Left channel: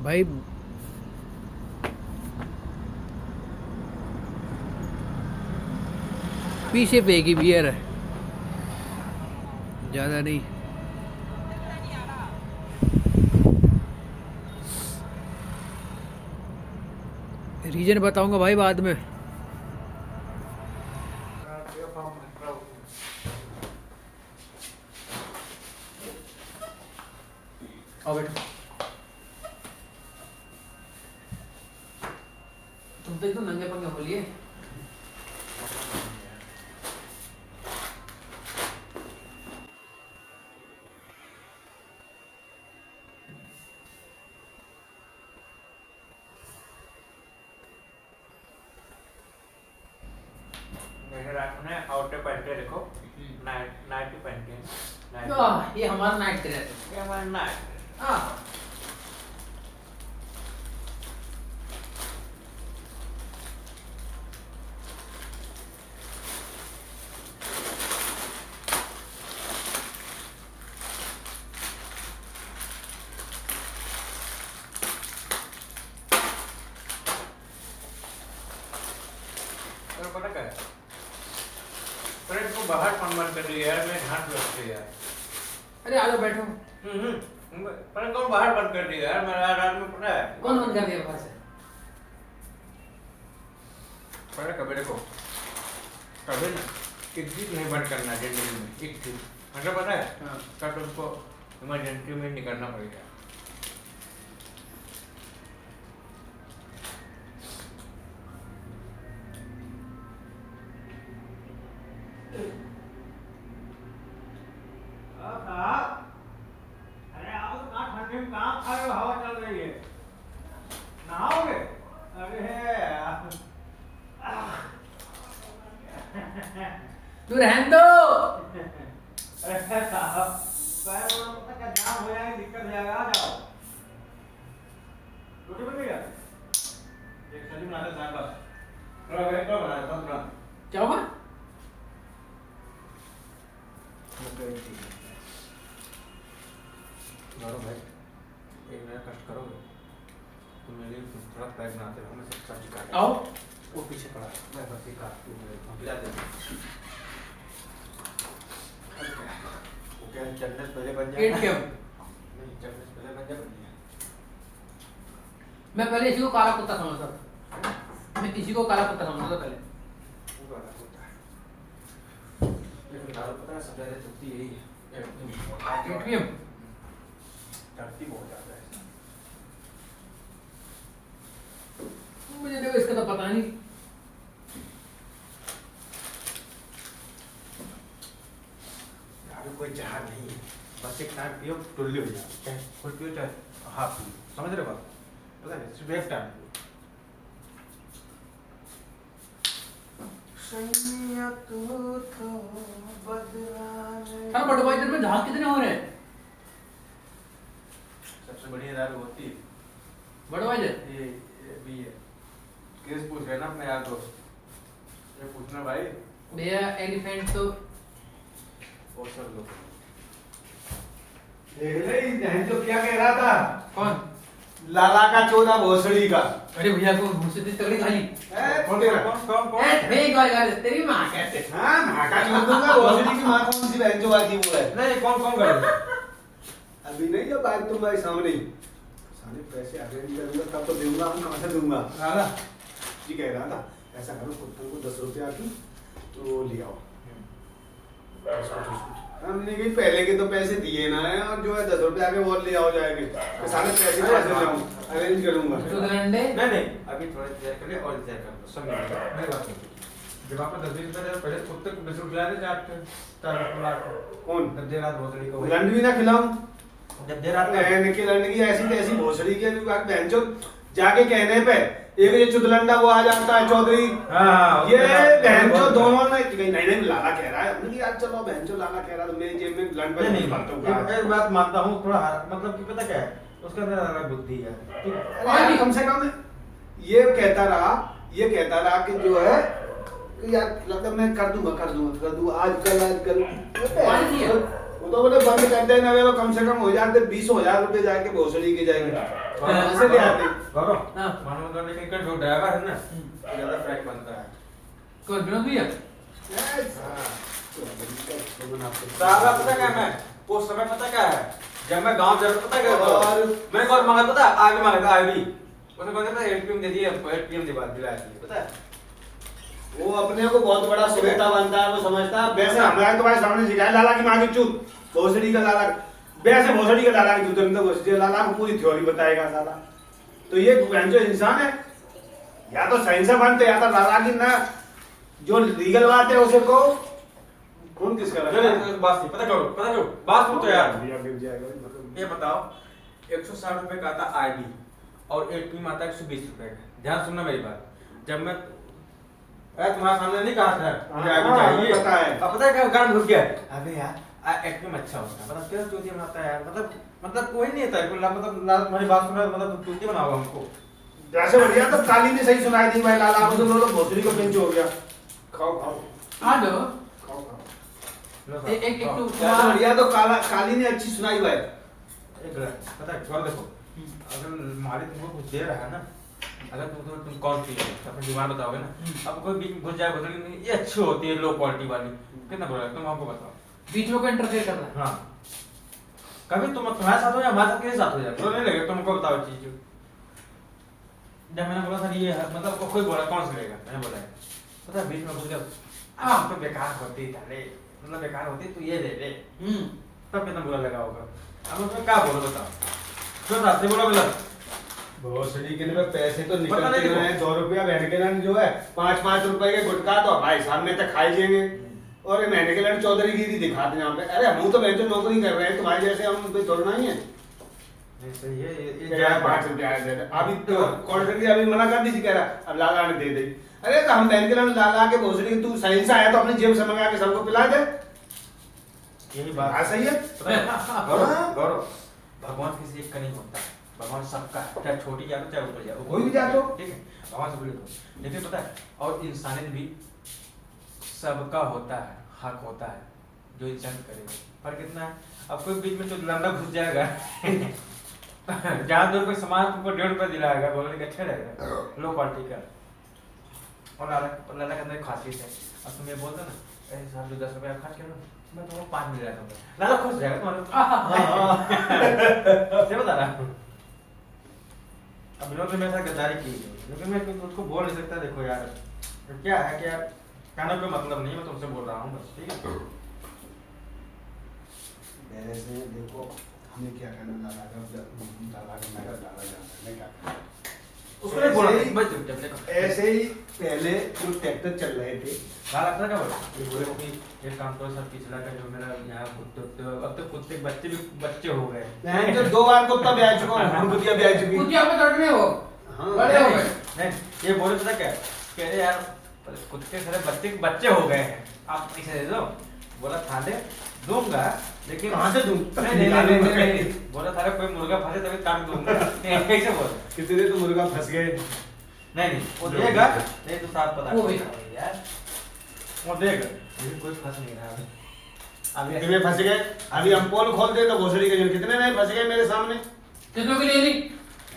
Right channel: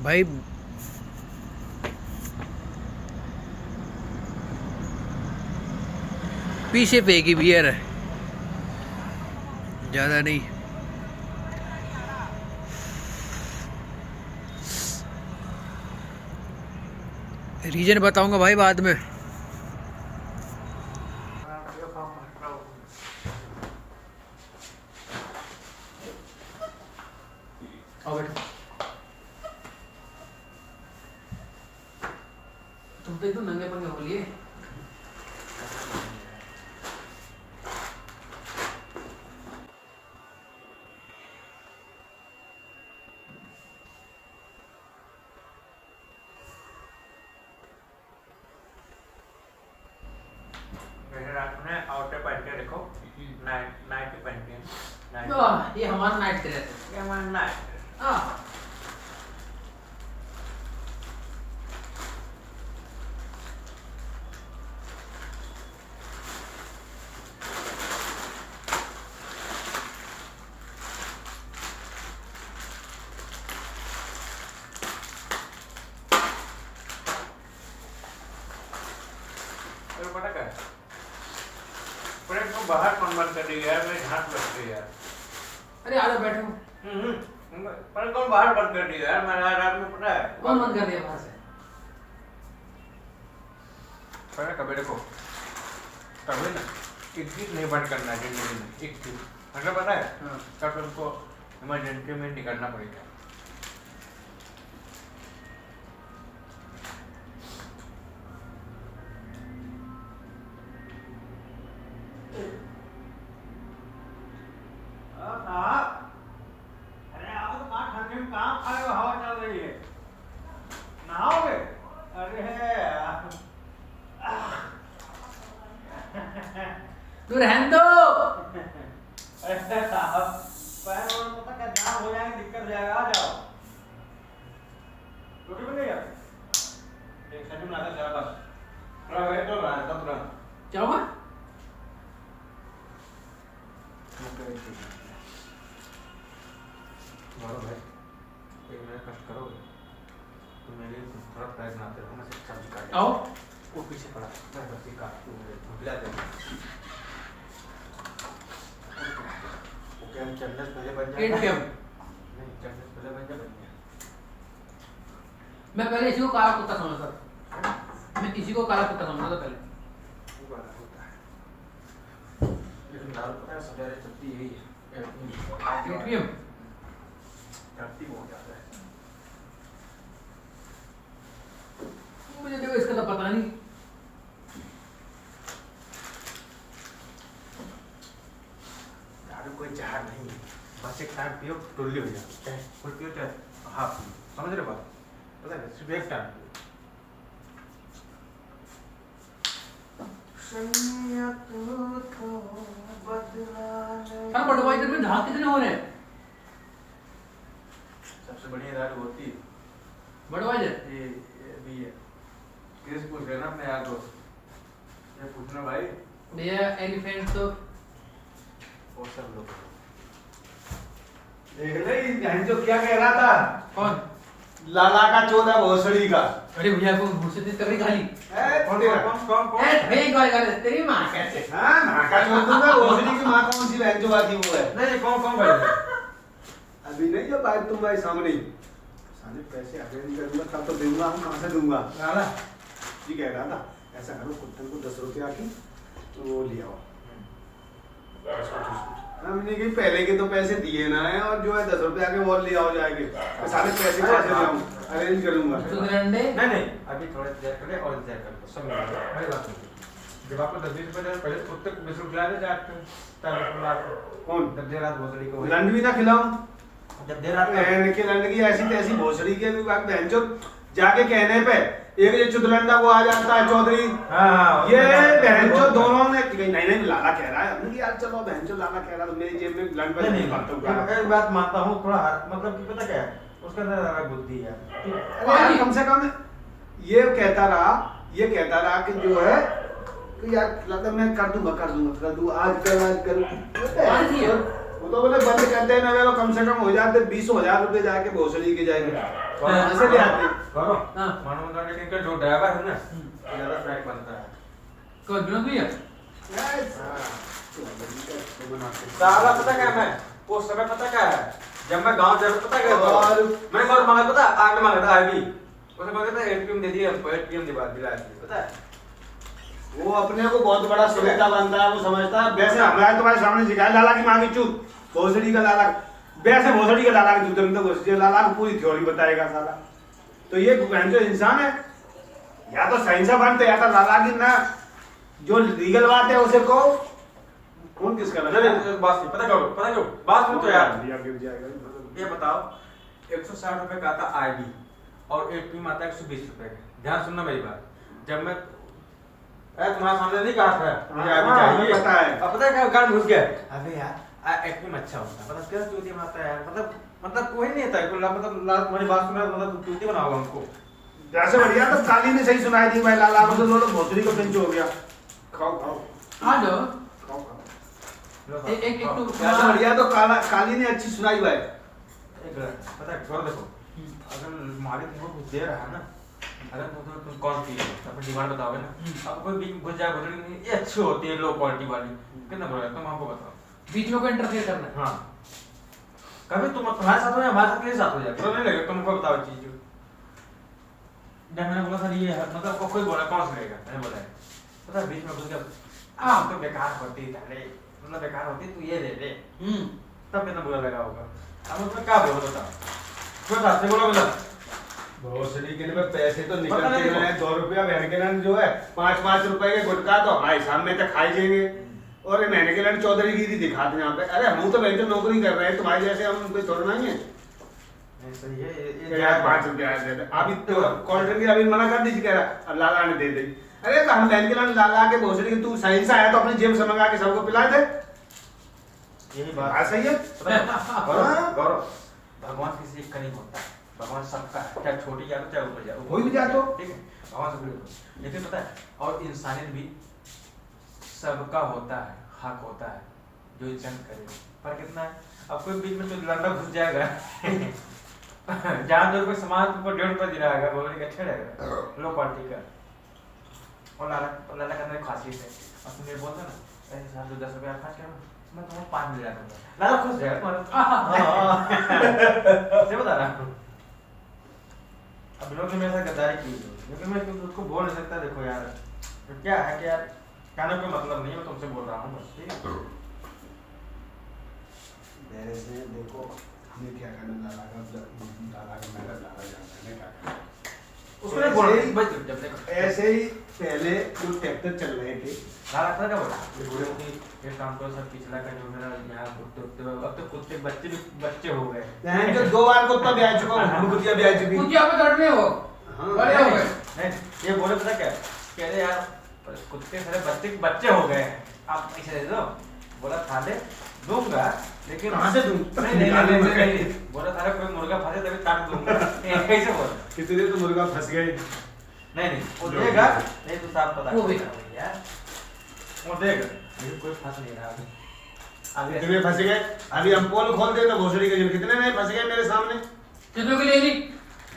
भाई पीछे पे की बियर है, ज़्यादा नहीं। रीजन बताऊंगा भाई बाद में। आओ बैठो। तुम तो एकदम नंगे पंगे हो लिए। रात में आउटर पहन के रखो, नाइट नाइट पहन के ये हमारा नाइट ड्रेस है। ये हमारा नाइट। हाँ पता क्या है? पर इसको बाहर कन्वर्ट कर दिया यार, मेरे हाथ लगते यार। अरे आ जाओ बैठो। पर कौन बाहर बंद कर दिया यार, मेरा रात में पता है कौन बंद कर दिया बाहर से? पता कबीर को कभी ना एक चीज नहीं बंद करना जिंदगी में, एक चीज मतलब पता है। हाँ। तब तुमको इमरजेंसी में निकलना पड़ेगा। अरे आओ तो कहाँ ठंडे में कहाँ आए हो, हवा चल रही है, नहाओगे? अरे तू रहने दो। अरे साहब पैर और पता क्या जाम हो जाएगा, दिक्कत हो जाएगा। आ जाओ, रोटी बनेगा, एक सब्जी बनाता चार पास थोड़ा वेट करो, बनाता हूँ तुरंत। क्या होगा? मारो भाई, एक मेरा कष्ट करोगे तो मेरे लिए कुछ थोड़ा पैक बनाते रहो, मैं सब सब्जी काट। आओ। वो पीछे पड़ा है, मैं सब्जी काट दूँ, मेरे ला दे। ओके, हम चम्मच पहले बन जाए। ATM। नहीं, चम्मच पहले बन जाए। मैं पहले इसी को काला कुत्ता समझता था। मैं इसी को काला कुत्ता समझता था पहले। वो वाला होता है, लेकिन दाल पता है सबसे ज़्यादा चलती यही है। ATM। चलती बहुत ज़्यादा है। मुझे देखो इसका तो पता नहीं। यार कोई जहर नहीं है, बस एक टाइम पियो टुल्ली हो जाए, चाहे फुल पियो चाहे हाफ पियो, समझ रहे बात? पता है सिर्फ एक टाइम पियो। हाँ बटवाइजर में झाग कितने हो रहे हैं? सबसे बढ़िया दाल होती है बटवाइजर। ये अभी है केस पूछ गया ना अपने यार दोस्त, ये पूछना भाई भैया एलिफेंट तो वो सब लोग देख ले जो क्या कह रहा था। कौन? लाला का चोदा भोसड़ी का। अरे भैया को मुझसे इतनी तगड़ी गाली। कौन कौन हे गाली गाली तेरी माँ कैसे? हाँ माँ का चोद दूंगा, भोसड़ी की माँ कौन सी बहन जो बाकी वो है? नहीं कौन कौन भाई? अभी नहीं, जब आज तुम भाई सामने सारे पैसे अरेंज करूंगा तब तो दूंगा, हम कहाँ से दूंगा? लाला जी कह रहा था ऐसा करो, कुत्तन को 10 रुपया की तो वो ले आओ। हमने कि पहले के तो पैसे दिए ना है, और जो है 10 रुपया के वो ले आओ जाएंगे, तो सारे पैसे कहाँ से ले आऊं? अरेंज करूंगा। नहीं अभी थोड़ा देर कर ले और इंतजार कर सब मिलेगा। मेरी बात सुन, जब आपको 10 रुपये दे पहले कुत्ते को 20 रुपया दे जाते कौन? जब देर रात भोसड़ी को लंड भी ना खिलाऊं, जब देर रात की लंड की ऐसी तैसी भोसड़ी के बहन जो जाके कहने पे एक ये चुदलंडा वो आ जाता है चौधरी। हाँ, ये बहन जो दोनों ने नहीं नहीं लाला कह रहा है, हमने कि यार चलो बहन जो लाला कह रहा है, मेरी जेब में लंड पे नहीं मानता हूँ। एक बात मानता हूँ थोड़ा, मतलब कि पता क्या है उसका अंदर बुद्धि है, कम से कम ये कहता रहा कि जो है कि यार लगता मैं कर दूंगा आजकल वो तो बोले बंद कर देना वे कम से कम हो जाते 20,000 रुपए जाके भोसड़ी के जाएंगे वहां से ले आते करो हाँ। मानो तो लेकिन का जो ड्राइवर है ना ज्यादा फ्रैक बनता है कोई विनोद भैया साला पता क्या मैं वो समय पता क्या है जब मैं गांव जा रहा पता क्या और मैंने कौन मांगा पता आगे मांगा था आईबी उसने बोला था एटीएम दे दिया एटीएम दिला दी पता है वो अपने को बहुत बड़ा सुरेता बनता है वो समझता है वैसे हमारे तुम्हारे सामने सिखाया लाला की मांगी चूत भोसड़ी का लाला वैसे भोसड़ी का लाला की चूत लाला को पूरी थ्योरी बताएगा साला तो ये जो इंसान है या तो सही बनते या तो लाला की ना जो लीगल बात है उसे को कौन किसका चलो बात नहीं पता करो बात सुन तो यार गिर जाएगा ये बताओ 160 रुपए का आता आईडी और एटीएम आता 120 रुपए का ध्यान सुनना मेरी बात जब मैं तुम्हारे सामने नहीं कहा था मुझे आईडी चाहिए पता है अब पता है क्या गान घुस गया अबे यार एटीएम अच्छा होता है मतलब क्या चोरी बनाता है यार मतलब कोई नहीं आता है मतलब तुम्हारी बात सुना मतलब चोरी बनाओगे हमको जैसे बढ़िया तो काली ने सही सुनाई थी भाई लाला मतलब लोग भोसड़ी का पिंच हो गया खाओ खाओ आ जाओ खाओ खाओ एक तो जैसे बढ़िया तो काली ने अच्छी सुनाई भाई पता है और देखो अगर मालिक तुमको कुछ दे रहा है ना अगर तुम कौन सी अपनी डिमांड बताओगे ना अब कोई बीच में घुस जाए बोतल ये अच्छी होती है लो क्वालिटी वाली कितना बुरा तुम हमको बताओ बीच में को इंटरफेयर करना है हाँ कभी तुम तुम्हारे साथ हो या हमारे साथ किसी साथ हो जाए तो नहीं लगे तुमको बताओ चीज जब मैंने बोला था ये मतलब कोई बोला कौन सा लेगा मैंने बोला पता बीच में घुस गया तो बेकार होती है मतलब बेकार होती तो ये ले ले तब कितना बुरा लगा होगा अब उसमें क्या बोलो बताओ क्यों रास्ते बोलो मतलब भोसड़ी के लिए पैसे तो पता नहीं निकलते हैं 2 रुपया महीने के लिए जो है 5-5 रुपए के गुटखा तो भाई सामने तक खाई देंगे और ये महीने के लिए चौधरीगिरी दिखाते हैं यहाँ पे अरे हम तो जो नौकरी कर रहे हैं तुम्हारे जैसे हम कोई थोड़ा नहीं है सही है ये 5 रुपया दे दे अभी तो कोल्ड ड्रिंक अभी मना कर दी कह रहा अब लाला ने दे दी अरे तो हम बैंक के लिए लाला के भोसड़ी के तू सही से आया तो अपनी जेब से मंगा के सबको पिला दे यही बात हाँ सही है गौरव भगवान किसी एक का नहीं होता भगवान सबका है चाहे छोटी जाए चाहे ऊपर जाए कोई भी जाए तो ठीक है भगवान सब लेकिन पता है और इंसानियत भी सबका होता है हक होता है जो इंसान करे पर कितना है अब कोई बीच में तो लंडा घुस जाएगा जहाँ तो कोई सामान तुमको 1.5 रुपया दिलाएगा बोलेंगे अच्छा रहेगा लो क्वालिटी का और लाला के अंदर खासियत है अब तुम ये बोलते ना ऐसे साहब जो 10 रुपया आप खर्च करो मैं तुमको 5 मिल जाता हूँ लाला खुश रहेगा तुम्हारे बता रहा अब लोग ने मेरे साथ गद्दारी की लेकिन मैं उसको बोल नहीं सकता देखो यार तो क्या है कि यार कहने कोई मतलब नहीं है मैं तुमसे बोल रहा हूँ बस ठीक है मेरे से देखो हमें क्या करना लाला का मैं डाला जाता है क्या करना उसको नहीं बोल रही बस जब देखो ऐसे ही पहले जो ट्रैक्टर चल रहे थे लाला पता क्या बोला बोले कि एक काम करो सर पिछला का जो मेरा यहाँ कुत्ते अब तो कुत्ते बच्चे भी बच्चे हो गए मैं तो 2 बार कुत्ता ब्याह चुका हूँ कुतिया ब्याह चुकी कुछ यहाँ पे लड़ने हो हाँ। बड़े हो गए नहीं ये बोले पता क्या कह रहे यार कुत्ते सारे बच्चे हो गए हैं आप पैसे दे दो बोला खा ले दूंगा लेकिन कहाँ से दूं? नहीं बोला सारे कोई मुर्गा फंसे तभी काट दूंगा कैसे बोल कितने तो मुर्गा फंस गए नहीं वो देगा नहीं तो साथ पता वो भी। यार वो देगा लेकिन कोई फंस नहीं रहा अभी कितने फंस गए अभी हम पोल खोलते तो भोसड़ी के जन कितने नहीं फंस गए मेरे सामने कितनों के लिए नहीं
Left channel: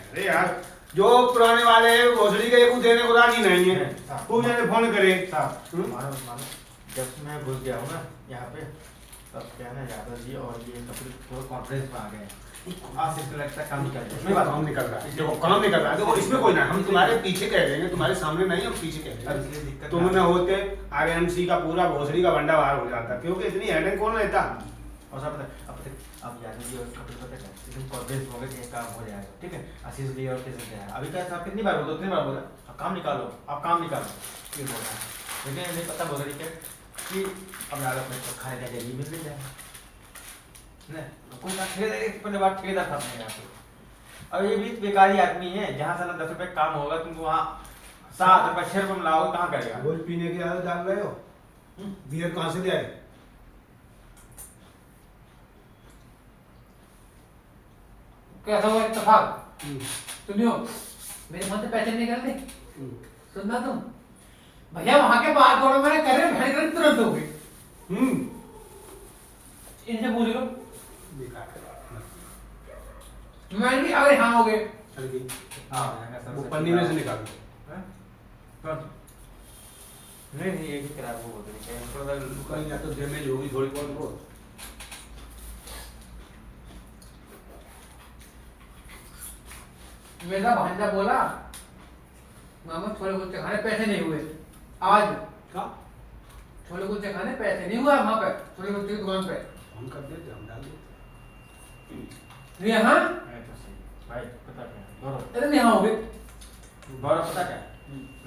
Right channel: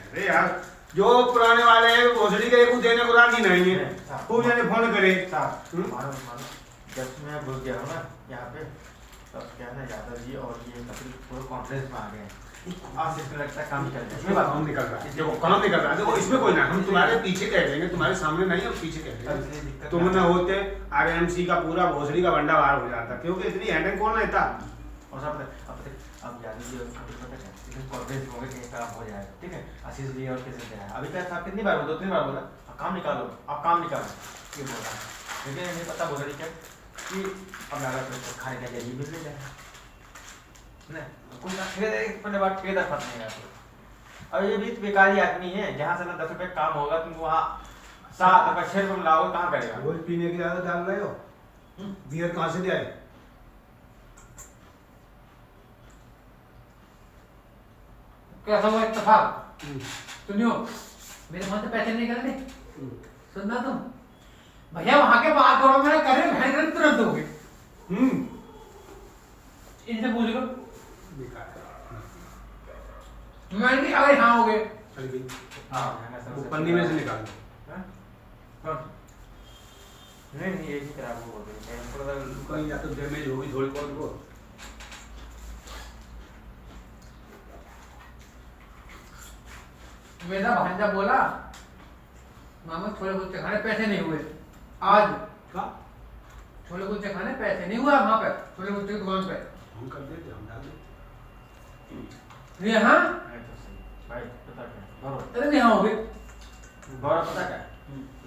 अरे यार जो पुराने वाले हैं भोसड़ी का एक देने को राजी नहीं है खूब जाने फोन करे मानो जब मैं घुस गया हूँ ना यहाँ पे तब क्या ना यादव जी और ये कपिल पूरे कॉन्फ्रेंस में आ गए आज इसमें लगता है काम निकल इसमें काम निकल रहा है देखो काम निकल रहा है देखो इसमें कोई ना हम तुम्हारे पीछे कह देंगे तुम्हारे सामने नहीं हम पीछे कह देंगे तुम न होते आरएमसी का पूरा भोसड़ी का बंडा बाहर हो जाता क्योंकि इतनी हेडेक कौन लेता और सब अब यादव जी और कपिल पता क्या इसमें कॉन्फ्रेंस हो गए काम हो जाएगा ठीक है आशीष जी और कैसे क्या है अभी तक आप कितनी बार बोला उतनी बार बोला अब काम निकालो आप काम निकालो ये बोल रहा है लेकिन नहीं पता भोसड़ी क्या कि अब यार खाने का जरिए मिल जाए नहीं कोई बात पहले बात ठेकेदार फंस नहीं आपको और ये भी बेकारी आदमी है जहाँ से ना 10 रुपए काम होगा तुमको वहाँ 7 रुपए 6 रुपए लाओ कहाँ करेगा रोज पीने की आदत डाल रहे हो बियर कहाँ से जाए कैसा हुआ इत्तेफाक सुनियो मेरे मन से पैसे निकलने सुनना तुम भैया वहां के बात करो मैंने करे भेड़ तुरंत हो गई इनसे पूछ लो। बेकार है। मैंने कहा अरे हाँ हो गए। चल गई। हाँ वो पन्नी में से निकाल दो। कौन? नहीं नहीं यही करा वो बोल रही है थोड़ा कहीं या तो डैमेज होगी थोड़ी बहुत वो। मेरा भांजा बोला मामा छोले कुलचे खाने पैसे नहीं हुए आज। का छोले कुलचे खाने पैसे नहीं हुआ वहाँ पे छोले कुलचे की दुकान पे। हम कर देते, हम डाल देते। यहाँ तो सही भाई पता क्या गौरव अरे यहाँ हो गए। गौरव पता क्या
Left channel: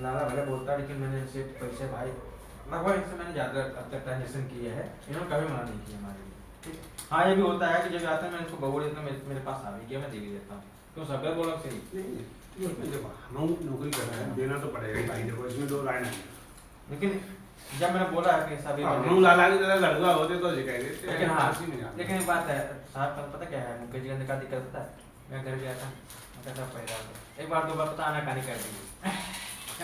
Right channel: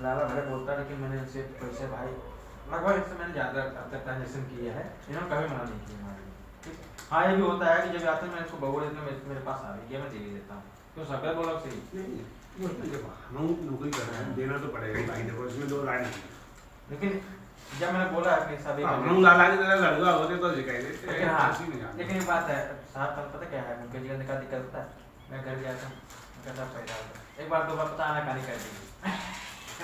लाला भले बोलता है कि मैंने इनसे पैसे भाई लगभग इससे मैंने ज़्यादा अब तक ट्रांजेक्शन किया है, इन्होंने कभी मना नहीं किया हमारे लिए। ठीक हाँ ये भी होता है कि जब आते हैं मैं इनको बबूल देता हूँ मेरे पास आ भी गया मैं दे भी देता हूँ क्यों सब बोला सही नहीं उसमें जब हम नौकरी कर रहे हैं देना तो पड़ेगा ही भाई, देखो इसमें दो राय नहीं है। लेकिन जब मैंने बोला कि साहब ये हम लाला की तरह लड़का होते तो सिखाई देते। लेकिन हाँ लेकिन एक बात है साहब पता क्या है मुझे जीवन का दिक्कत होता है। मैं घर गया था पैसा पैदा होता एक बार दो बार पता आना खानी कर दी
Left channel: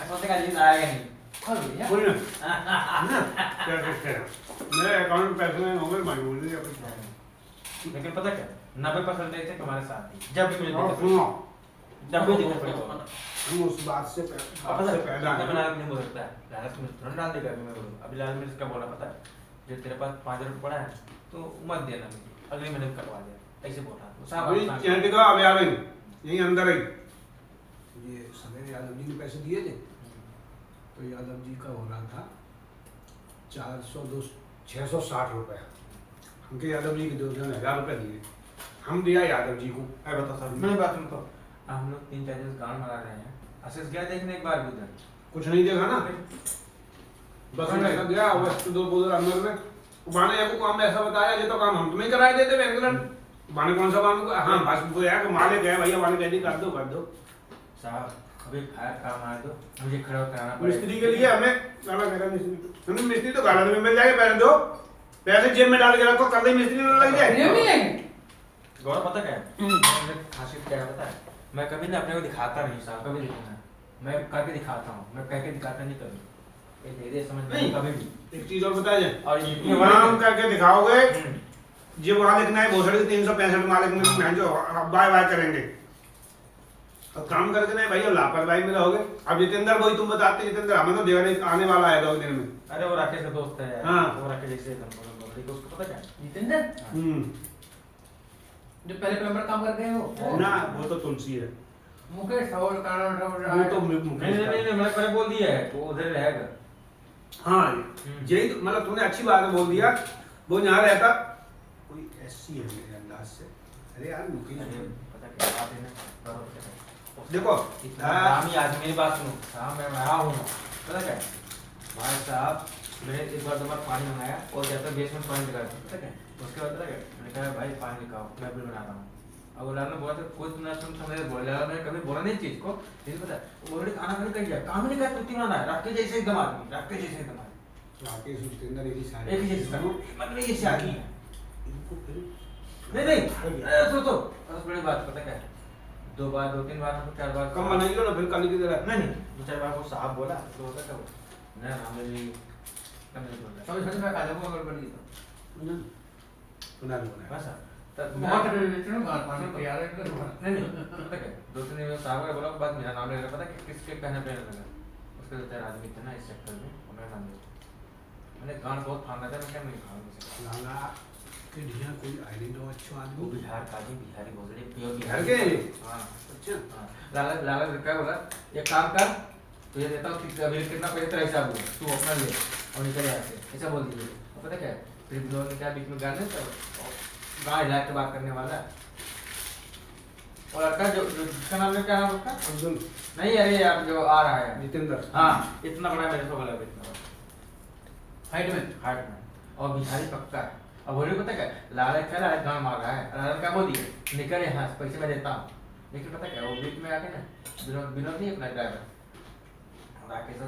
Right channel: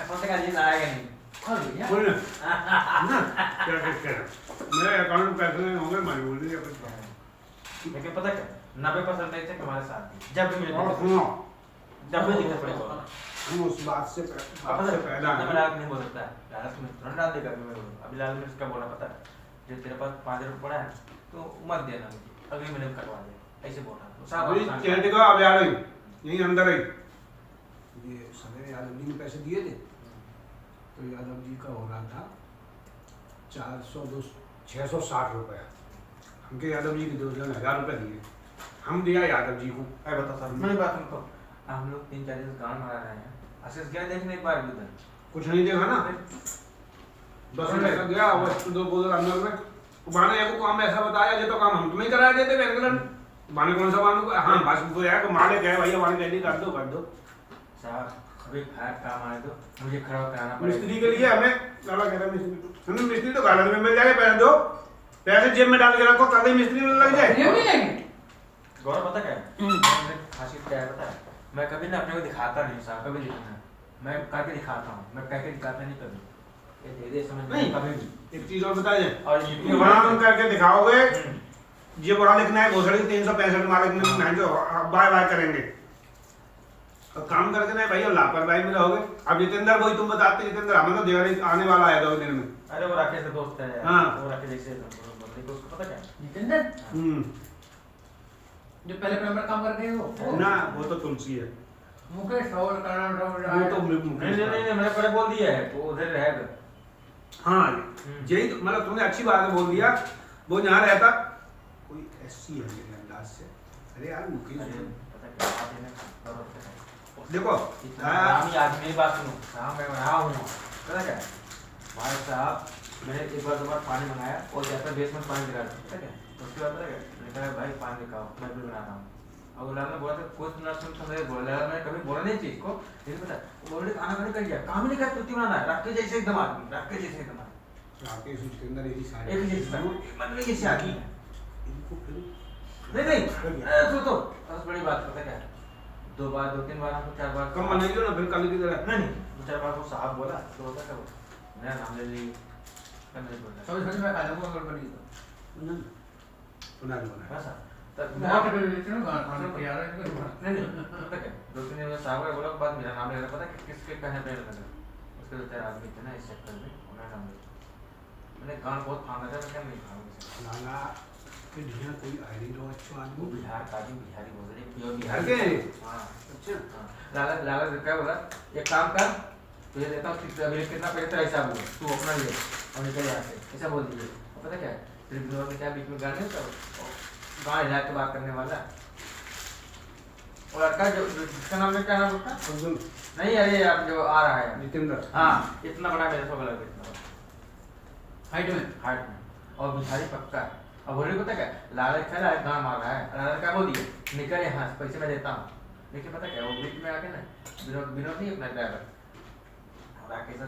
सोचते का जीवन आएगा नहीं खोल भैया। कोई ना ना क्या कहते हैं मेरे अकाउंट में पैसे नहीं होंगे मानी बोल दीजिए कुछ। लेकिन पता क्या 90% ऐसे तुम्हारे साथ ही जब भी मुझे दिक्कत सुनो जब भी दिक्कत पड़ेगा हम उस बात से पैदा मैं लाल नहीं बोल सकता है लाल में तुरंत डाल देगा मैं बोलूँ अभी लाल में इसका बोला पता है जो तेरे पास 5 रुपये पड़ा है तो मत देना अगले महीने में कटवा दे ऐसे बोल रहा है अभी कहते का अब आ गई यहीं अंदर ही ये समय यादव जी ने पैसे दिए थे तो यादव जी का हो रहा था 660 रुपया। हमके यादव जी के 2,000 रुपये दिए हम दिया यादव जी को। अरे बता साहब मेरी बात सुन तो हम लोग 3-4 दिन गाँव मारा रहे हैं आशीष गया देखने एक बार भी उधर कुछ नहीं देखा ना बस में ऐसा गया वस्तु दो बोल अंदर में बाने को काम ऐसा बताया ये तो काम हम तुम्हें करा देते बैंगलन बाने कौन सा काम हाँ बस वो यार मालिक है भैया मालिक कहती कर दो साहब अभी फायर काम आए तो मुझे खड़ा कराना पड़ेगा मिस्त्री के लिए हमें लाला कह रहा मिस्त्री हमें मिस्त्री तो गार्डन में मिल जाएगा पैसे दो पैसे जेब में डाल के रखो कल ही मिस्त्री में लग जाए ये भी लेंगे। गौरव पता क्या है मैंने हासिल क्या है पता है मैं कभी ना अपने को दिखाता नहीं साहब कभी दिखाना मैं करके दिखाता हूँ मैं करके दिखाता नहीं कभी ये धीरे समझ नहीं। कभी भी एक चीज और बताइए और ये वहां करके दिखाओगे ये वहां लिखना है भोसड़ी 365 मालिक में जो बाय बाय करेंगे और काम करके नहीं भैया लापरवाही में रहोगे। अब जितेंद्र भाई तुम बताते जितेंद्र हमें तो दिवाली आने वाला है 2 दिन में। अरे वो राकेश का दोस्त है हाँ। वो राकेश से देखो उसको पता क्या जितेंद्र जो पहले प्लम्बर काम करते हैं वो ना वो तो तुलसी है मुकेश और कारण वो तो मुकेश का। नहीं मैंने पहले बोल दिया है तो उधर रहेगा हाँ यही तो मतलब तुमने अच्छी बात बोल दिया वो यहाँ रहता कोई ऐसी है मेरे अंदाज से। अरे यार मुकेश पता क्या बात है ना देखो आदमी मेरी बात सुनो साहब मैं रहा हूँ पता क्या भाई साहब मैंने एक बार 2 बार पानी बनाया और जाता बेसमेंट पानी गिरा पता क्या उसके बाद पता क्या मैंने कहा भाई पानी निकालो मैं बिल बना रहा हूँ अब लाल ने बोला तो कोई सुना सुन समझ बोला लाल ने कभी बोला नहीं चीज को लेकिन पता बोले खाना मैंने कर दिया काम ही नहीं कर तुत्ती बनाना है रखते जैसे एकदम आदमी रखते जैसे एकदम आदमी राकेश उसके अंदर एक ही सारे एक ही जैसे मतलब ये से आदमी है इनको फिर नहीं तो बस बड़ी बात पता क्या 2 बार 2-3 बार हमको 4 बार कम बनाइए ना फिर कल की तरह नहीं 2-4 बार वो साहब बोला तो होता क्या मैं नाम ले ली कम नहीं बोल रहा सभी सभी मैं खा लूंगा अगर बनी तो सुना बना बस तब बहुत रिलेशन गांव पानी के यार इनका नहीं पता क्या 2-3 दिन में साहब का बोला बाद मेरा नाम ले रहा पता किस पे कहने पे लगा उसके 2-4 आदमी थे ना इस सेक्टर में उन्होंने नाम लिया मैंने गान बहुत फांदा था मैं क्या नहीं खाऊंगा लाला के ढिया कोई आइडेंटिटी हो अच्छा वो आदमी बिहार का भी बिहारी बोल रहे प्योर बिहार के हाँ अच्छा हाँ लाला क्या बोला एक काम कर तुझे देता हूँ कितना पैसा तेरा हिसाब हुआ तू अपना ले और निकल यहाँ से ऐसा बोल दीजिए पता क्या है फिर दोनों के क्या बीच में गाने तो गाँव हिला के बात करने वाला और लड़का जो जिसका नाम है क्या नाम उसका अब्दुल नहीं अरे यार जो आ रहा है जितेंद्र हाँ इतना बड़ा मेरे को लगा इतना हाइट में और भिखारी पक्का है अब बोले पता क्या लाला खड़ा है गाँव मार रहा है लाला क्या बोल दिए निकल यहाँ से पैसे मैं देता हूँ लेकिन पता क्या वो बीच में आके ना विनोद नहीं अपना ड्राइवर राकेश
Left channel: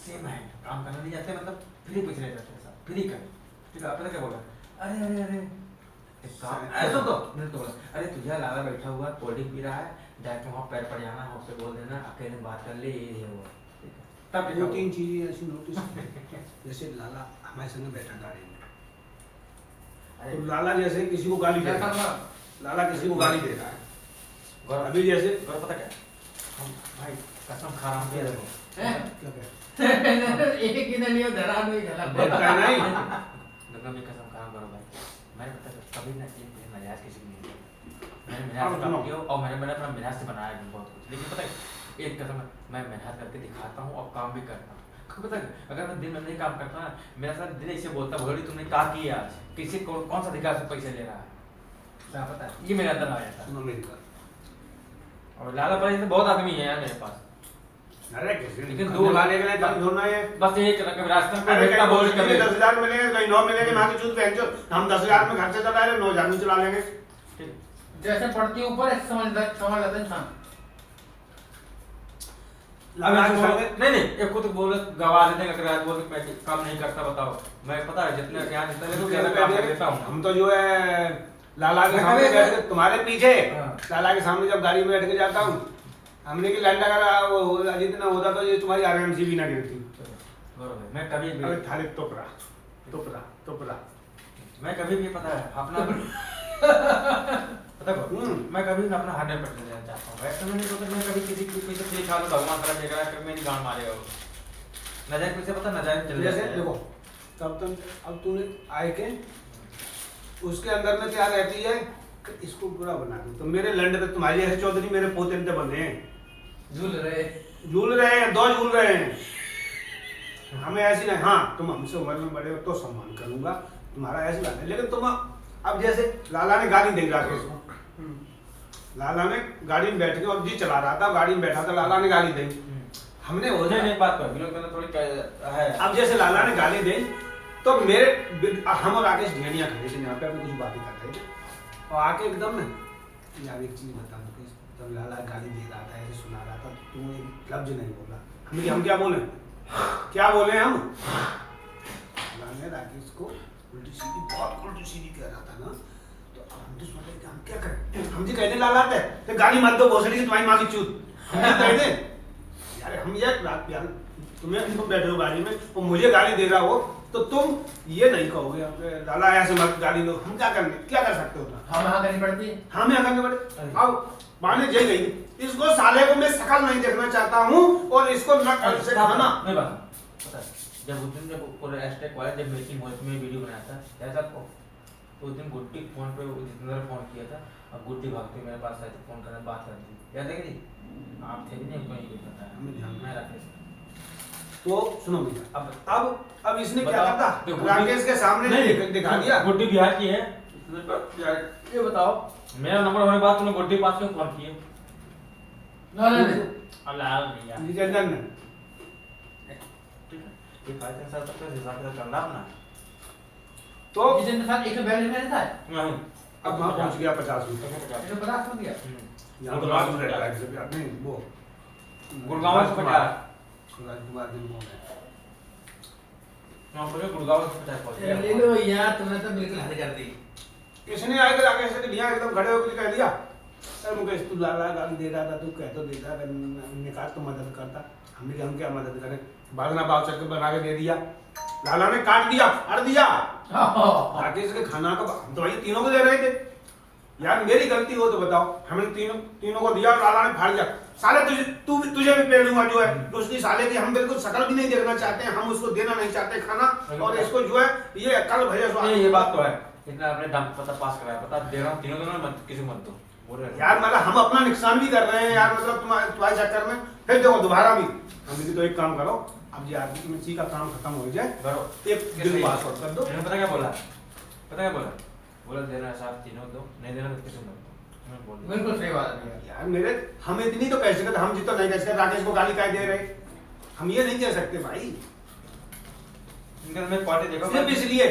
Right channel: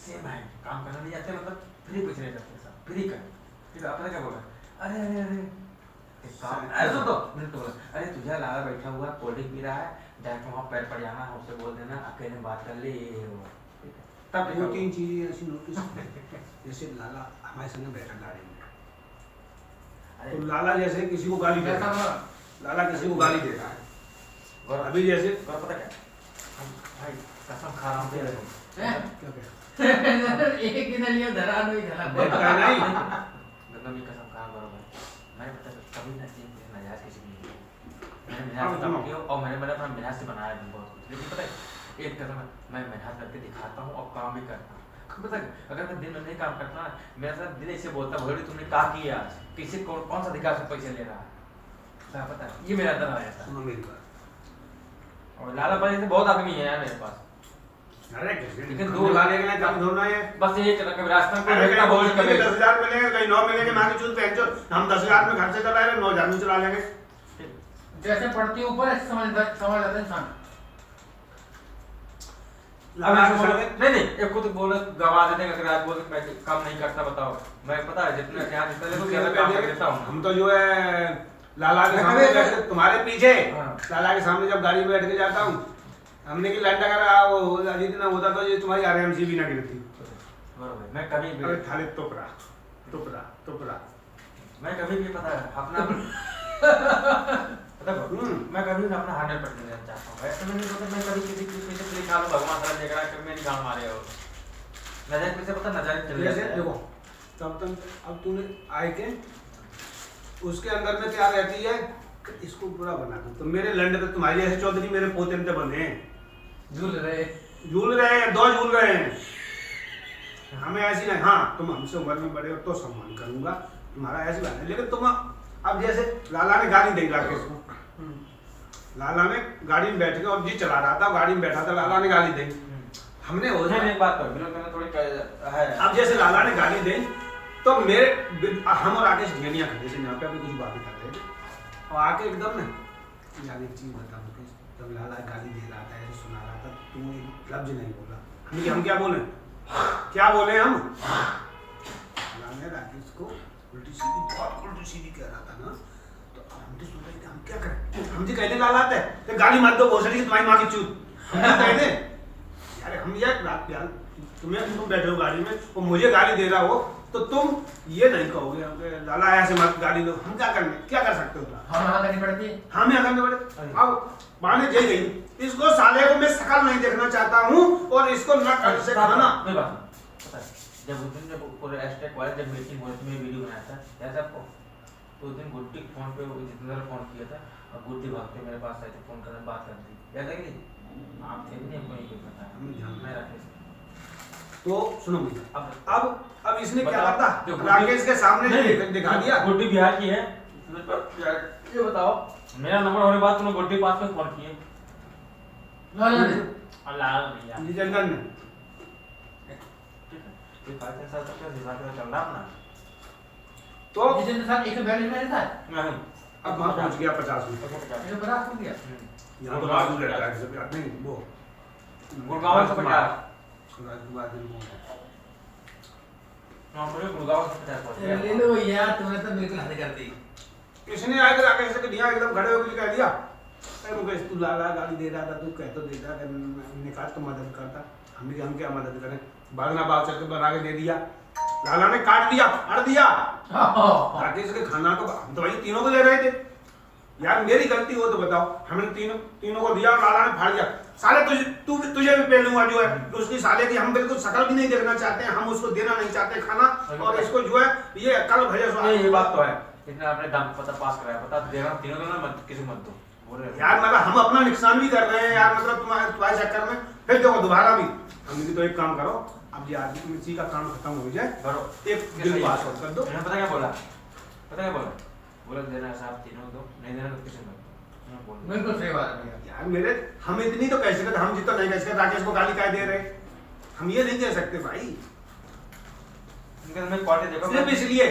सेम है काम करना नहीं जाते मतलब फ्री कुछ नहीं जाते सब फ्री कर ठीक है अपने क्या बोला अरे अरे अरे ऐसा तो मैंने तो बोला अरे तुझे लाला बैठा हुआ कोल्ड ड्रिंक पी रहा है डायरेक्ट वहाँ पैर पर जाना है उससे बोल देना अकेले बात कर ले ये हुआ तब 2-3 चीजें ऐसी नोटिस जैसे लाला हमारे संग बैठा गाड़ी में तो लाला जैसे किसी को गाली दे रहा है, लाला किसी को गाली दे रहा है, और अभी जैसे पता क्या हम भाई कसम खा रहा हूँ क्या देखो क्या क्या एक ही ने लिए धरा नहीं देख गला का नहीं देखो मैं कसम खा रहा हूँ भाई मैंने पता कभी ना एक नजायज किसी को नहीं किया मैंने मेहनत से काम किया और मैंने अपना मेहनत से बनाया भी बहुत कुछ लेकिन पता है एक कसम मैं मेहनत करके दिखाता हूँ और काम भी करता हूँ पता है अगर मैं दिन में नहीं काम करता ना मेरा साथ दिल ऐसे बोलता भगोड़ी तुमने क्या किया आज किसी कौन सा अधिकार से पैसे ले रहा है क्या पता है ये मेरा अंदर आ जाता सुनो मेरी बात और लाला पर ऐसे बहुत आदमी है यार मेरे पास अरे कैसे लेकिन दो वाले के लिए जब ढूंढना है बस ये कभी रास्ते में अरे भेजना बोल कहीं कभी 10,000 मिलेंगे कहीं 9 मिलेंगे ना कि चूत पहन जो हम 10,000 में खर्चे चला रहे 9,000 में चला लेंगे जैसे पड़ती है ऊपर ऐसे समझ जाता है इंसान लाला के सामने नहीं एक को तो बोल गवा देते हैं अगर आज बोल मैं काम नहीं करता बताओ मैं पता है जितना क्या जितना देखो क्या काम कर देता हूं हम तो जो है लाला के सामने बैठ के तुम्हारे पीछे लाला के सामने जब गाड़ी में बैठ के जाता हूँ हमने की लाइन लगा वो जितना होता तो ये तुम्हारी आरामसी भी ना गिरती बरोबर मैं कभी भी अरे थाली टोपरा मैं कभी भी पता है अपना पता है मैं कभी भी अपना 100% देना चाहता हूँ ऐसा नहीं कि मैं कभी किसी को से लिखा लो भगवान ताला देख रहा है कि मेरी गांड मारे हो नजर कुछ से पता नजर चल जैसे जाता है देखो तब अब तूने आए के उसके अंदर में क्या रहती है कि इसको पूरा बना दो तो मेरे लंड पे तुम्हारी ऐसे चौधरी मेरे पोते पे बंधे हैं झूल रहे हैं दो झूल रहे हैं हमें ऐसी नहीं हाँ तुम हमसे उम्र में बड़े हो तो सम्मान करूंगा तुम्हारा ऐसी बात है लेकिन तुम अब जैसे लाला ने गाड़ी दे राकेश को लाला ने गाड़ी में बैठ के और जी चला रहा था गाड़ी में बैठा था लाला ने गाली दी हमने हो नहीं एक बात कर बिल्कुल कहना थोड़ी है अब जैसे लाला ने गाली दी तो मेरे हम और राकेश ढेनिया खड़े थे यहाँ पे अभी कुछ बातें कर रहे थे और आके एकदम ना यार एक चीज बता मुकेश जब लाला गाली दे रहा था ऐसे सुना रहा था तू एक लफ्ज नहीं बोला हम क्या बोले हम लाला ने राकेश को बहुत उल्टी सीधी कह रहा था ना तो अब हम तो सोच रहे थे हम क्या करें हम जी कहने लाला थे तो गाली मत दो भोसड़ी की तुम्हारी माँ की चूत हम कहने यार हम यार तुम बैठे हो गाड़ी में और मुझे गाली दे रहा हो तो तुम ये नहीं कहोगे लाला ऐसे मत गाली दो हम क्या कर सकते हो हम यहाँ करनी पड़ती है हमें यहाँ करनी पड़े अब माने जय गई इसको साले को मैं शकल नहीं देखना चाहता हूँ और इसको न कर से खाना पता है जब उस दिन जब पूरे एस्टेक वाले जब मीटिंग हुई थी मैं वीडियो बनाया था ऐसा तो उस दिन गुड्डी फोन पे जितना फोन किया था और गुड्डी भागते मेरे पास आई थी फोन करने बात कर दी याद है कि आप थे नहीं हमको ये पता है हमें ध्यान मैं राकेश तो सुनो भैया अब इसने क्या बताओ, करता तो राकेश के सामने दिखा दिया गुड्डी बिहार की है ये बताओ मेरा नंबर होने के बाद तूने गुड्डी पास में फोन किए अल्लाह भैया निरंजन ने ठीक है ये 5 साल तक का रिवाज का चल रहा अपना तो जिस दिन साथ 142 में था नहीं अब वहां पहुंच गया 50 में 150 हो गया यहाँ तो राजू रहता है सब याद नहीं वो गुड़गांव से 50 राजकुमार दिन कौन है हां पूरे गुड़गांव से 50 पहुंच गया ले लो भैया तुमने तो बिल्कुल हद कर दी इसने आए थे राकेश से दिया एकदम खड़े होकर कह दिया अरे मुकेश तू लाला गाली दे रहा था तू कह तो देता हमने कहा तो मदद करता हमने हम क्या मदद करें भागना भाग चल के बना के दे दिया लाला ने काट दिया अड़ दिया राकेश के खाना तो हम तो भाई तीनों को दे रहे थे यार मेरी गलती हो तो बताओ हमने तीनों को दिया और लाला ने फाड़ दिया साले तुझे भी पेड़ लूंगा जो है तो उसकी साले की हम बिल्कुल शकल भी नहीं देखना चाहते हैं हम उसको देना नहीं चाहते खाना और इसको जो है ये कल भैया ये बात तो है इतना आपने दम पता पास कराया पता दे रहा हूं तीनों दोनों मत किसी मत दो यार मतलब हम अपना नुकसान भी कर रहे हैं यार मतलब तुम्हारे चक्कर में फिर देखो दोबारा भी हम भी तो एक काम करो अब ये आदमी मिर्ची का काम खत्म हो जाए करो एक दिन पास कर दो मैंने पता क्या बोला देना साहब तीनों दो नहीं देना तो किसी मत दो बिल्कुल सही बात है भैया यार मेरे हम इतनी तो कैसे करते हम जितना नहीं कैसे राकेश को गाली काय दे रहे हम ये नहीं दे सकते भाई मैं पार्टी देखो सिर्फ इसलिए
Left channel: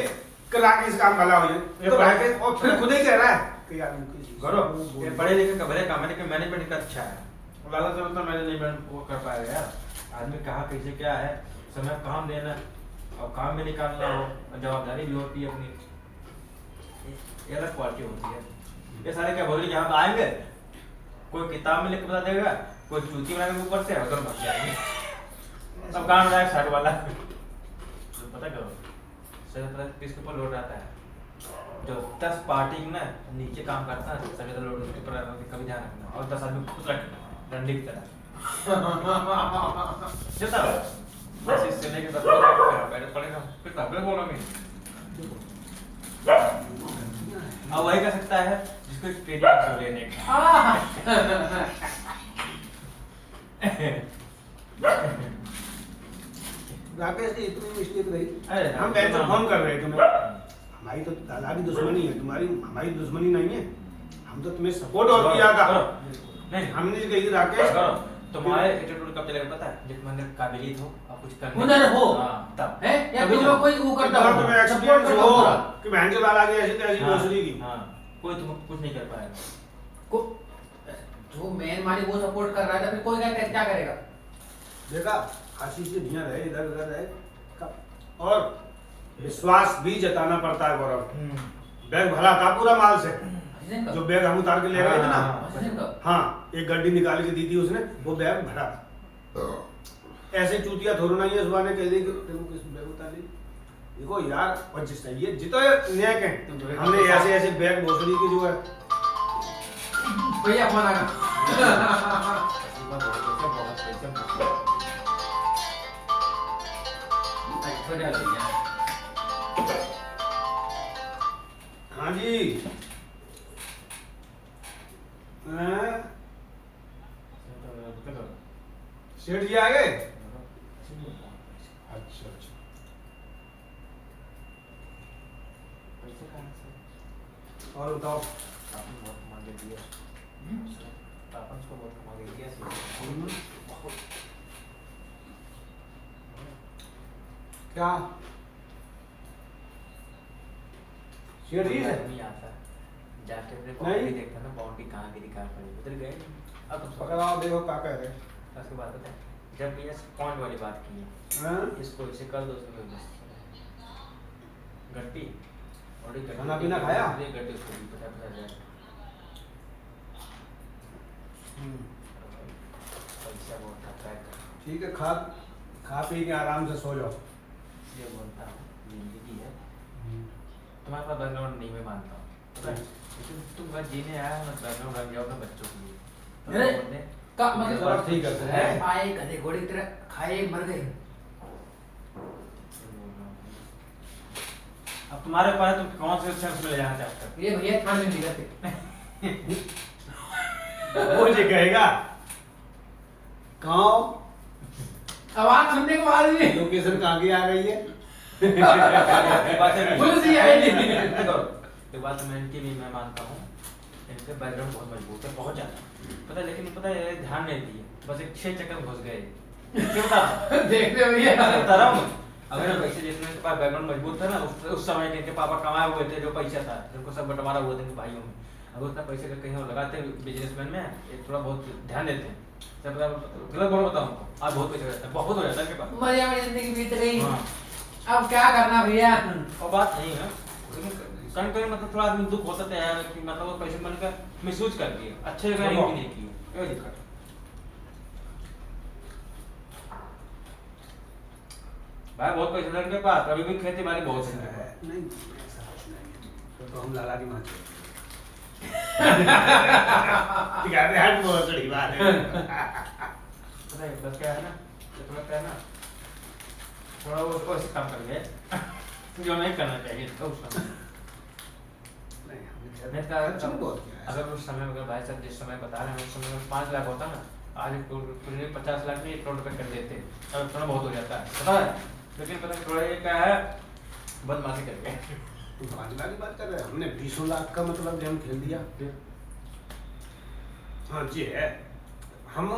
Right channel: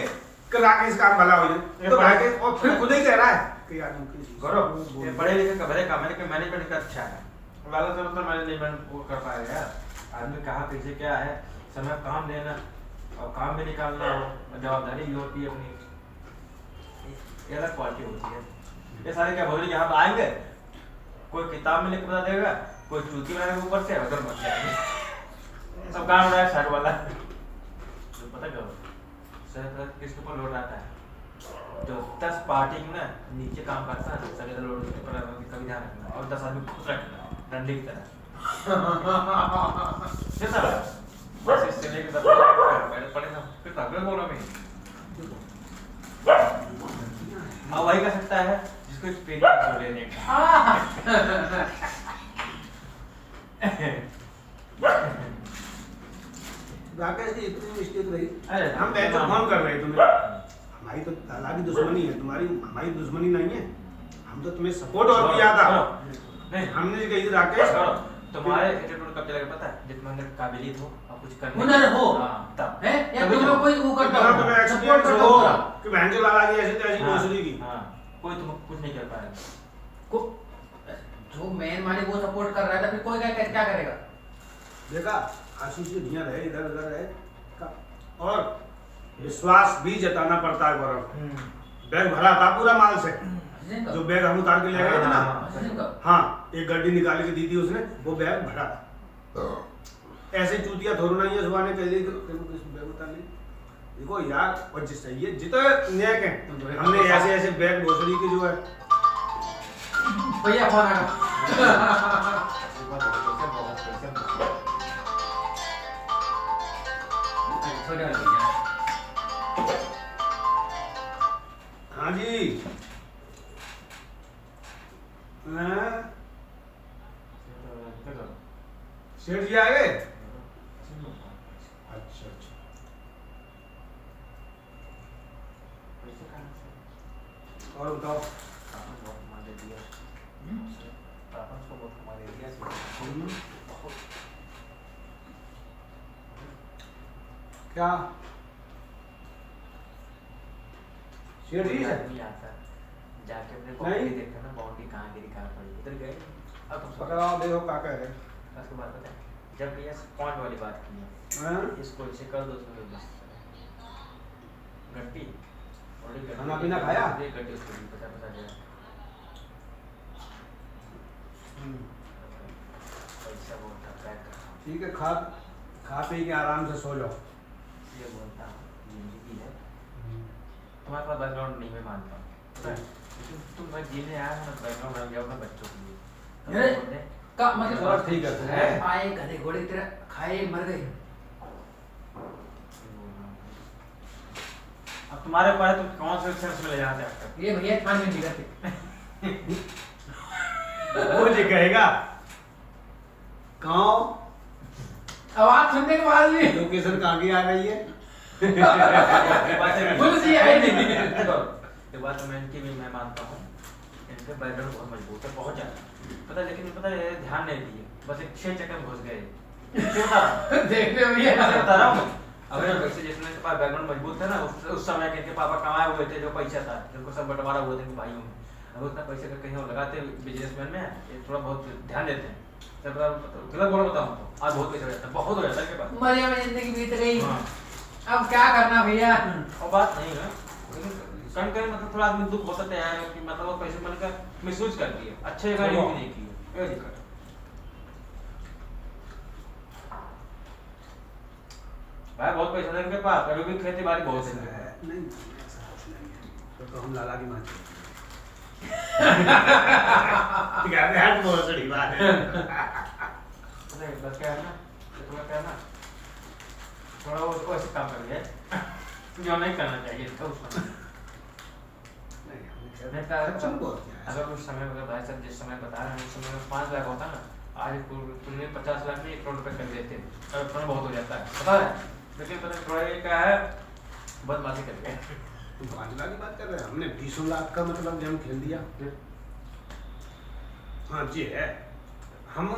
कि राकेश काम भला हो जाए तो राकेश और फिर खुद ही कह रहा है कि यार करो ये पढ़े लिखे का भले काम है लेकिन मैनेजमेंट का अच्छा है लाला से मतलब मैनेजमेंट वो कर पाएगा यार आदमी कहाँ कैसे क्या है समय काम देना और काम में निकालना हो और जवाबदारी भी होती है अपनी ये अलग क्वालिटी होती है ये सारे क्या बोल रहे यहाँ पे आएंगे कोई किताब में लिख के बता देगा कोई चूती बनाएंगे ऊपर से उधर बच जाएंगे सब काम रहा है शर्ट वाला पता क्या किसके ऊपर लौट आता है जो 10 पार्टी में ना नीचे काम करता है सभी लोग उसके पर कभी ध्यान रखना और 10 आदमी खुश रखना डंडे की तरह जैसा बस इससे लेके बस बैठे पड़ेगा फिर तगड़े बोलो मैं हाँ वही कर सकता है जिसको एक्सपीरियंस हो लेने का राकेश जी इतनी मिस्टेक रही अरे हम पहले तो फोन कर रहे तुम्हें हमारी तो तालाबी दुश्मनी है तुम्हारी हमारी दुश्मनी नहीं है हम तो तुम्हें सपोर्ट और किया था नहीं हमने कही राकेश तुम्हारे एटीट्यूड कब चलेगा पता है जब तुम्हारे काबिलियत हो और कुछ करने हुनर हो तब है या तुम लोग कोई वो करता तो हो तुम्हें सपोर्ट एक्सपीरियंस करता हो हो कि बहन के लाला जी ऐसी तैसी भोसड़ी की हाँ कोई तुम कुछ नहीं कर पाएगा को जो मेन मानी वो सपोर्ट कर रहा था फिर कोई क्या करेगा देखा आशीष से धियां रहे इधर उधर रहे और विश्वास भी जताना पड़ता है गौरव बैग भरा था पूरा माल से जो बैग हम उतार के ले गए थे ना हाँ एक गड्डी निकाल के दी थी उसने वो बैग भरा था ऐसे चूतिया थोड़ा नहीं है सुबह ने कह दी कि बैग उतार ली देखो यार और जिस ये जितने नेक हैं हमने ऐसे ऐसे बैग भोसड़ी के जो है भैया फोन आ गया छोटे वाले भैया हाँ जी सेठ जी आ गए अच्छा अच्छा और बताओ क्या सेठ जी है नहीं आता जाके अपने बाउंड्री देखा ना बाउंड्री कहाँ गिरी कहाँ पड़ी उधर गए अब तुम पकड़ाओ देखो क्या कह रहे उसके बाद पता है जब ये पॉइंट वाली बात की है हैं इसको इसे कर दो उसमें बस गट्टी और ये खाना पीना खाया? ये गट्टी उसको भी पता जाए पैसा बहुत खर्चा है ठीक है खा पी के आराम से सो जाओ इसलिए बोलता हूँ जिंदगी है तुम्हारे पास बैकग्राउंड नहीं मैं मानता हूँ पता है लेकिन तुम घर जीने आया ना बैकग्राउंड रख जाओ अपने बच्चों के लिए अरे, का मतलब और ठीक है आए गधे घोड़े की तरह खाए मर गए अब तुम्हारे पास तुम कौन से सेंस में ले जाना चाहते हो ये भैया खान में नहीं करते वो जो कहेगा गाँव आवाज सुनने के बाद भी लोकेशन कहाँ की आ रही है पुलिस ही आई नहीं एक बात मैं इनकी भी मैं मानता हूँ इनके बैकग्राउंड बहुत मजबूत है बहुत ज्यादा पता लेकिन पता है ध्यान नहीं दिए बस एक 6 चक्कर में घुस गए देखते हो भैया बता रहा हूँ अगर पैसे जितने इनके पास बैकग्राउंड मजबूत था ना उस समय के इनके पापा कमाए हुए थे जो पैसा था जिनको सब बंटवारा हुए थे इनके भाइयों में अगर उतना पैसे का कहीं और लगाते बिजनेसमैन में थोड़ा बहुत ध्यान देते हैं गलत बोलो बताओ हमको आज बहुत पैसा हो जाता है बहुत हो जाता है इनके पास मरिया में जिंदगी बीत गई अब क्या करना भैया और बात नहीं है कहीं कहीं मतलब थोड़ा आदमी दुख होता है कि मतलब वो पैसे मन का मिसयूज कर दिए अच्छे जगह यूज नहीं किए ये दिक्कत भाई बहुत पैसे है इनके पास अभी भी खेती बाड़ी बहुत है नहीं ऐसा कुछ नहीं है तो हम लाला की माँ बहुत बड़ी बात है नहीं बस क्या है ना थोड़ा क्या है ना थोड़ा वो उसको ऐसे काम कर ले जो नहीं करना चाहिए था उस समय अगर उस समय अगर भाई साहब जिस समय बता रहे हैं उस समय में 5 लाख होता ना आज कुछ 50 लाख में 1 करोड़ रुपए कर देते अब थोड़ा बहुत हो जाता है पता है लेकिन पता थोड़ा ये क्या है बदमाशी करके तुम 5 लाख की बात कर रहे हैं हमने 20 लाख का मतलब गेम खेल दिया हाँ जी है हम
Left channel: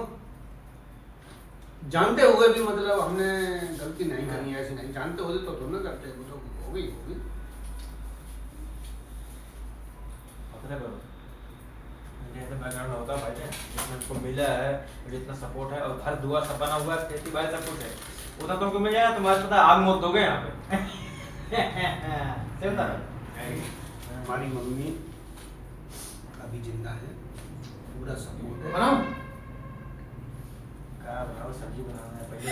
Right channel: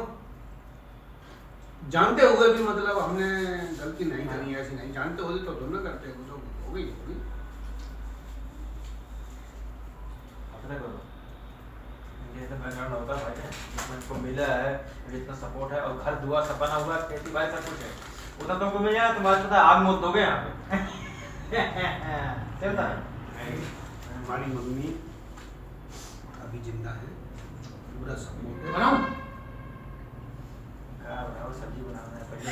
जानते हुए भी मतलब हमने गलती नहीं करी ऐसी नहीं जानते होते तो दोनों करते वो तो हो गई तो बैकग्राउंड होता है भाई जितना उनको मिला है जितना सपोर्ट है और घर दुआ सब बना हुआ है खेती बाड़ी सब कुछ है उतना तुमको मिल जाए तुम्हारे पता आग मौत दोगे यहाँ पे हमारी मम्मी अभी जिंदा है पूरा सपोर्ट है बनाऊं क्या बनाओ सब्जी बनाना है पहले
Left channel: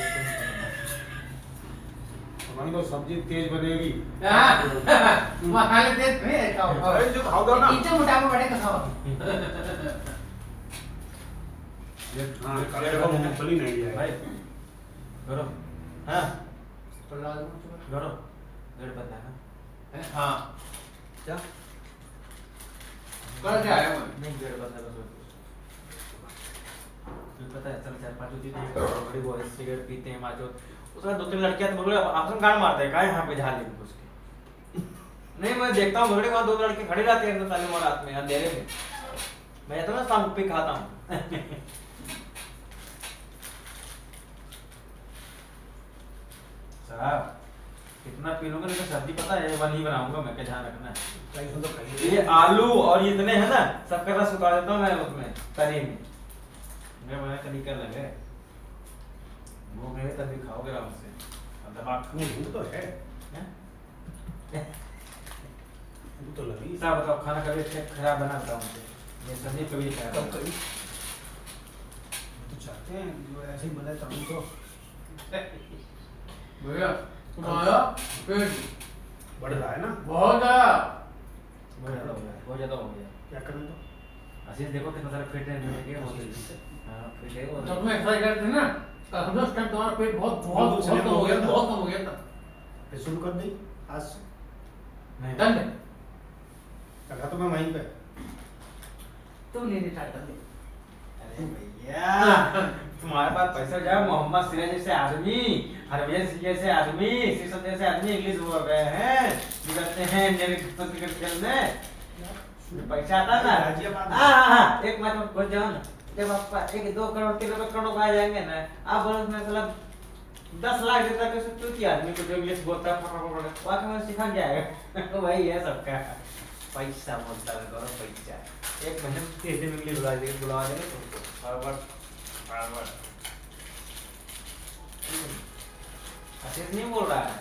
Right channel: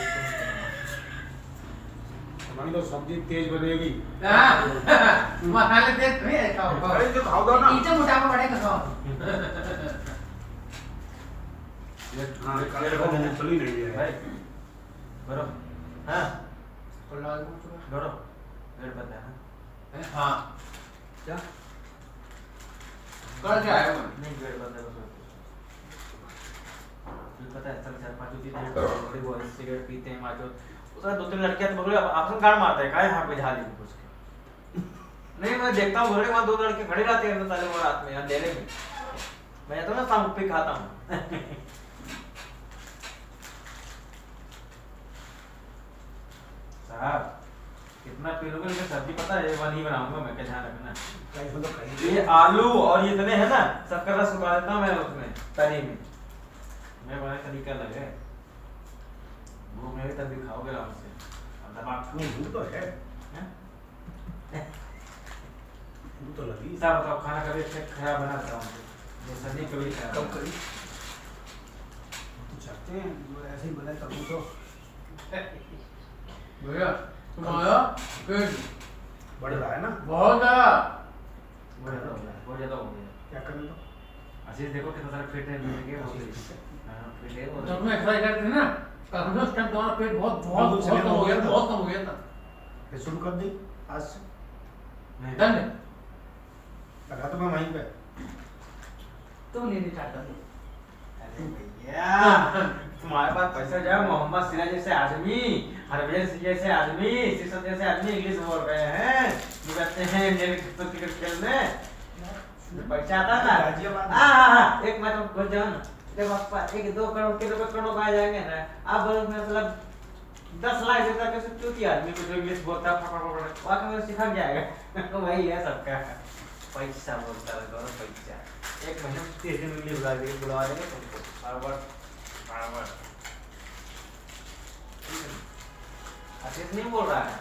मान लो सब्जी तेज बनेगी। मसाले तेज नहीं है, खाओ खाओ। अरे जो खाओ दो ना। इतना मोटापा बढ़ेगा खाओ। हाँ कल देखो मूंगफली नहीं है भाई गौरव हाँ पल्ला दो चुका। गौरव गेट बंद है ना हाँ क्या कर क्या आया मैं? नहीं गेट बंद है बस तुझे पता है चल 4-5 होती है बड़ी बॉयज सिगरेट पीते हैं माचो उसका 2-3 लड़कियां तो बोले आपसे गाड़ मारते हैं काहे यहाँ पे झाली घुस के नहीं मैं देखता हूँ बोले वहाँ 2 लड़के खड़े रहते हैं ताले मोड़ रात में अंधेरे में मैं जाता हूँ ना शाम पे खाता हूँ साहब कितना पी लूंगा लेकिन सब्जी पता है ये वाली बनाऊंगा मैं क्या ध्यान रखना इसमें तो कहीं है ये आलू और ये इतने हैं ना सबका रस उतार देता हूँ मैं उसमें तरी में मैं बना तरीका लगे वो मेरे तक भी खाओगे आराम से अब दबा भूख तो है। हैं? भूख तो लगी। साहब बताओ खाना कभी अच्छा खराब बनाता हूँ मैं सब्जी कभी कब खराब करी तो चाहते हैं जो ऐसे ही बनाए तभी तो भैया तुम आया पेट बढ़ रहा है ना। बहुत ज़्यादा। बहुत ज़्यादा हो गया क्या करें तो आशीष देखो कितना सारा फिट है मेरे के हो गई हाँ फिट है जब और तुम एक्सरसाइज करते थे ना कल उस टाइम तुम्हारा पेट बहुत बहुत बिल्कुल बहुत slim कम हो गया हो गया था। बहुत कम हो गया था। फिर शुरू कर दी आज से। नहीं डन लगा तो मैं वहीं पे। तुम लेने ट्राई कर लो। अरे भैया तुम्हारे पास पैसा जाओ मोहम्मद सिराज जैसे आदमी हरवेज जैसे आदमी शीशम जैसे आदमी इंग्लिश बोल रहे हैं ये कहते हैं क्रिकेट खेलने पैसा आता ना गाजियाबाद में। हाँ एक मैं तो बोल जाओ ना देखो पापा 1-2 करोड़ 3 रुपए करोड़ों का आ जाएंगे ना आप बोलो मैं मतलब 10 लाख देता कैसे चूती आदमी को जो इंग्लिश बोलता है फटाफट वाकई में सिखा जाएगा तो वही है सबका पैसा बोलता है गौरव पैसा एक महीने में 30 दिन इंग्लिश बुला देंगे तुमको बराबर आशीष नहीं बोल रहा है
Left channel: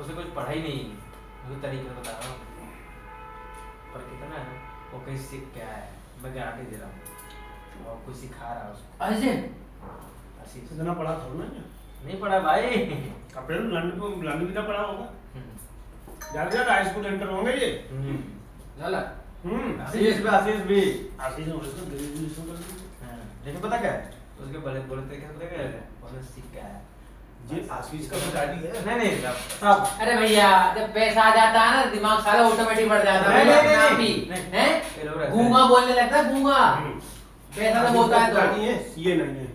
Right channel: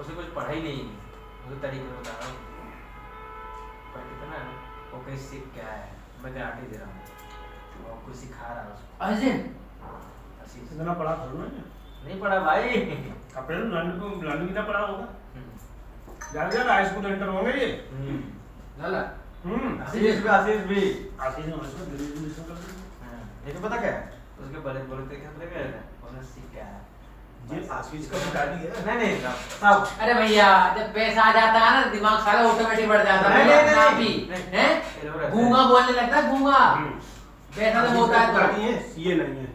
उसे कुछ पढ़ा ही नहीं मुझे तरीके बता रहा हूँ पर कितना है वो कहीं सीख क्या है मैं गारंटी दे रहा हूँ और कुछ सिखा रहा है उसको ऐसे आशीष इतना पढ़ा थोड़ा ना नहीं पढ़ा भाई कपड़े लंड भी ना पढ़ा होगा। ज्यादा हाई स्कूल एंटर होंगे ये। लाला आशीष भी आशीष ने उसको ग्रेजुएशन कर दी। लेकिन पता क्या है उसके बड़े बड़े तरीके पता क्या है उन्हें सीख क्या है ये आशीष का पिताजी है। नहीं सब अरे भैया जब पैसा आ जाता है ना दिमाग सारा ऑटोमेटिक बढ़ जाता है नहीं, अपना आप नहीं, ही नहीं। हैं गूंगा बोलने लगता है गूंगा पैसा तो बोलता है पिताजी तो है सीए नहीं है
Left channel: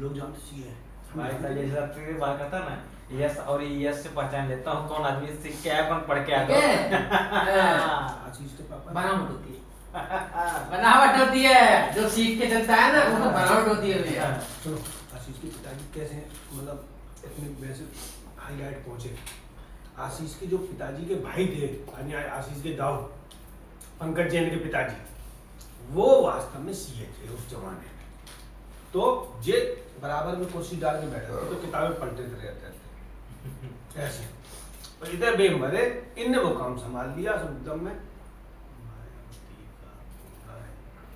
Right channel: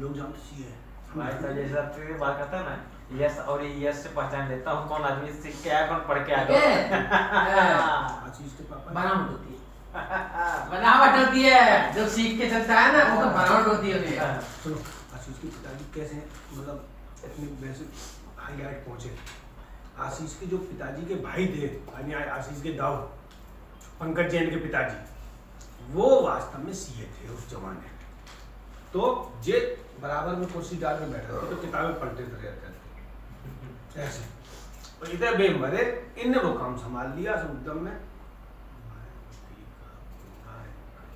लोग जानते सीए है। भाई साहब जैसे आपके बात करता ना यस और यस से पहचान लेता हूँ कौन आदमी सीख के आया कौन पढ़ के ठीक है आया आशीष के पापा बनावट होती है बनावट होती है जो सीख के चलता है ना वो तो बनावट होती है भैया सुनो आशीष के पिताजी कैसे मतलब इतने वैसे हाईलाइट पहुंचे। आशीष के जो पिताजी के भाई थे यानी आशीष के दाऊ पंकज जैन के पिताजी वो वास्तव में सीए थे उस जमाने में। तो जे बराबर में कुर्सी डाल के बैठे थे तो किताबें पलटे रहते थे ऐसे और इधर बेमरे इनने वो काम संभाल लिया एकदम में।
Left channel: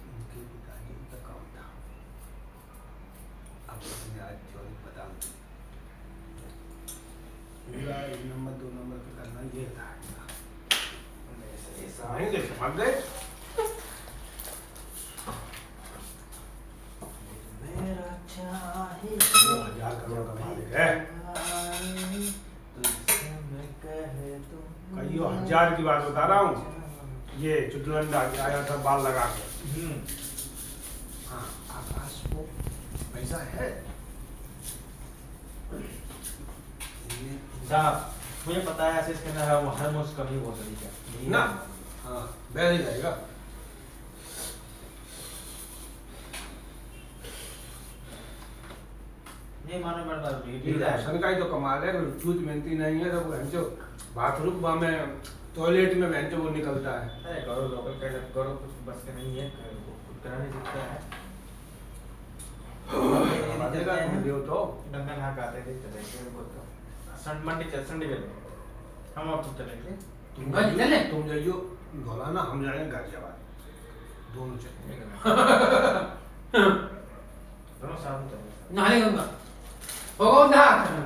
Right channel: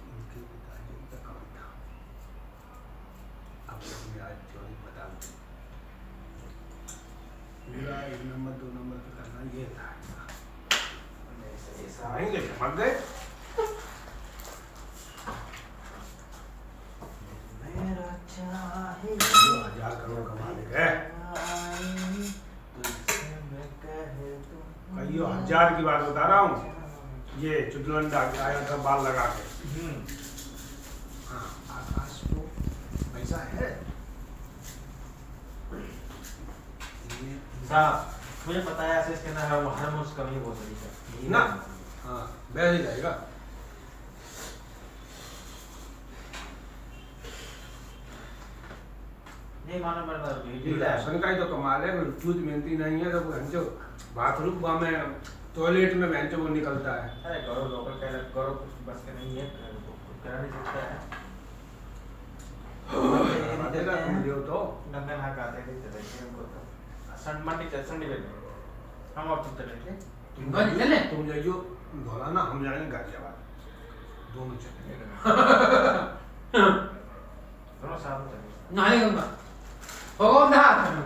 इनके पिताजी का काम था। अब आज चौधरी बता पूरा 1 नंबर 2 नंबर पे करना ये था। समझ गए समझ गए। मेरा चाहे 1000 करोड़ का मालिक है। कईयों हजार की बात बता रहा हूँ। ये चुटलंडा आया था बाल लगा के। हाँ आकाश को पैसा है। साहब मुझे पता है ऐसे इसके अंदर वो हर मुझ कमी बहुत बड़ी है ना हाँ बैठ ही जाएगा। ये मानो मरना राशन का ही तो कमाल है। चूत मेहनती नहीं है तो जो बाथरूम में टॉयलेट में बहन वो निकलता है। अरे करो लोकल का करो कुछ बस के नहीं है कुछ करा नहीं सकता है तो गंगा नहा आते हैं चले सन मंडी चल संडे में हम आप तुम चलेंगे तुम जाइयो धौलाना हम जाएंगे गाजियाबाद दोनों चलेंगे। दोनों साथ में चलेंगे नहाने गंगा होगा उधर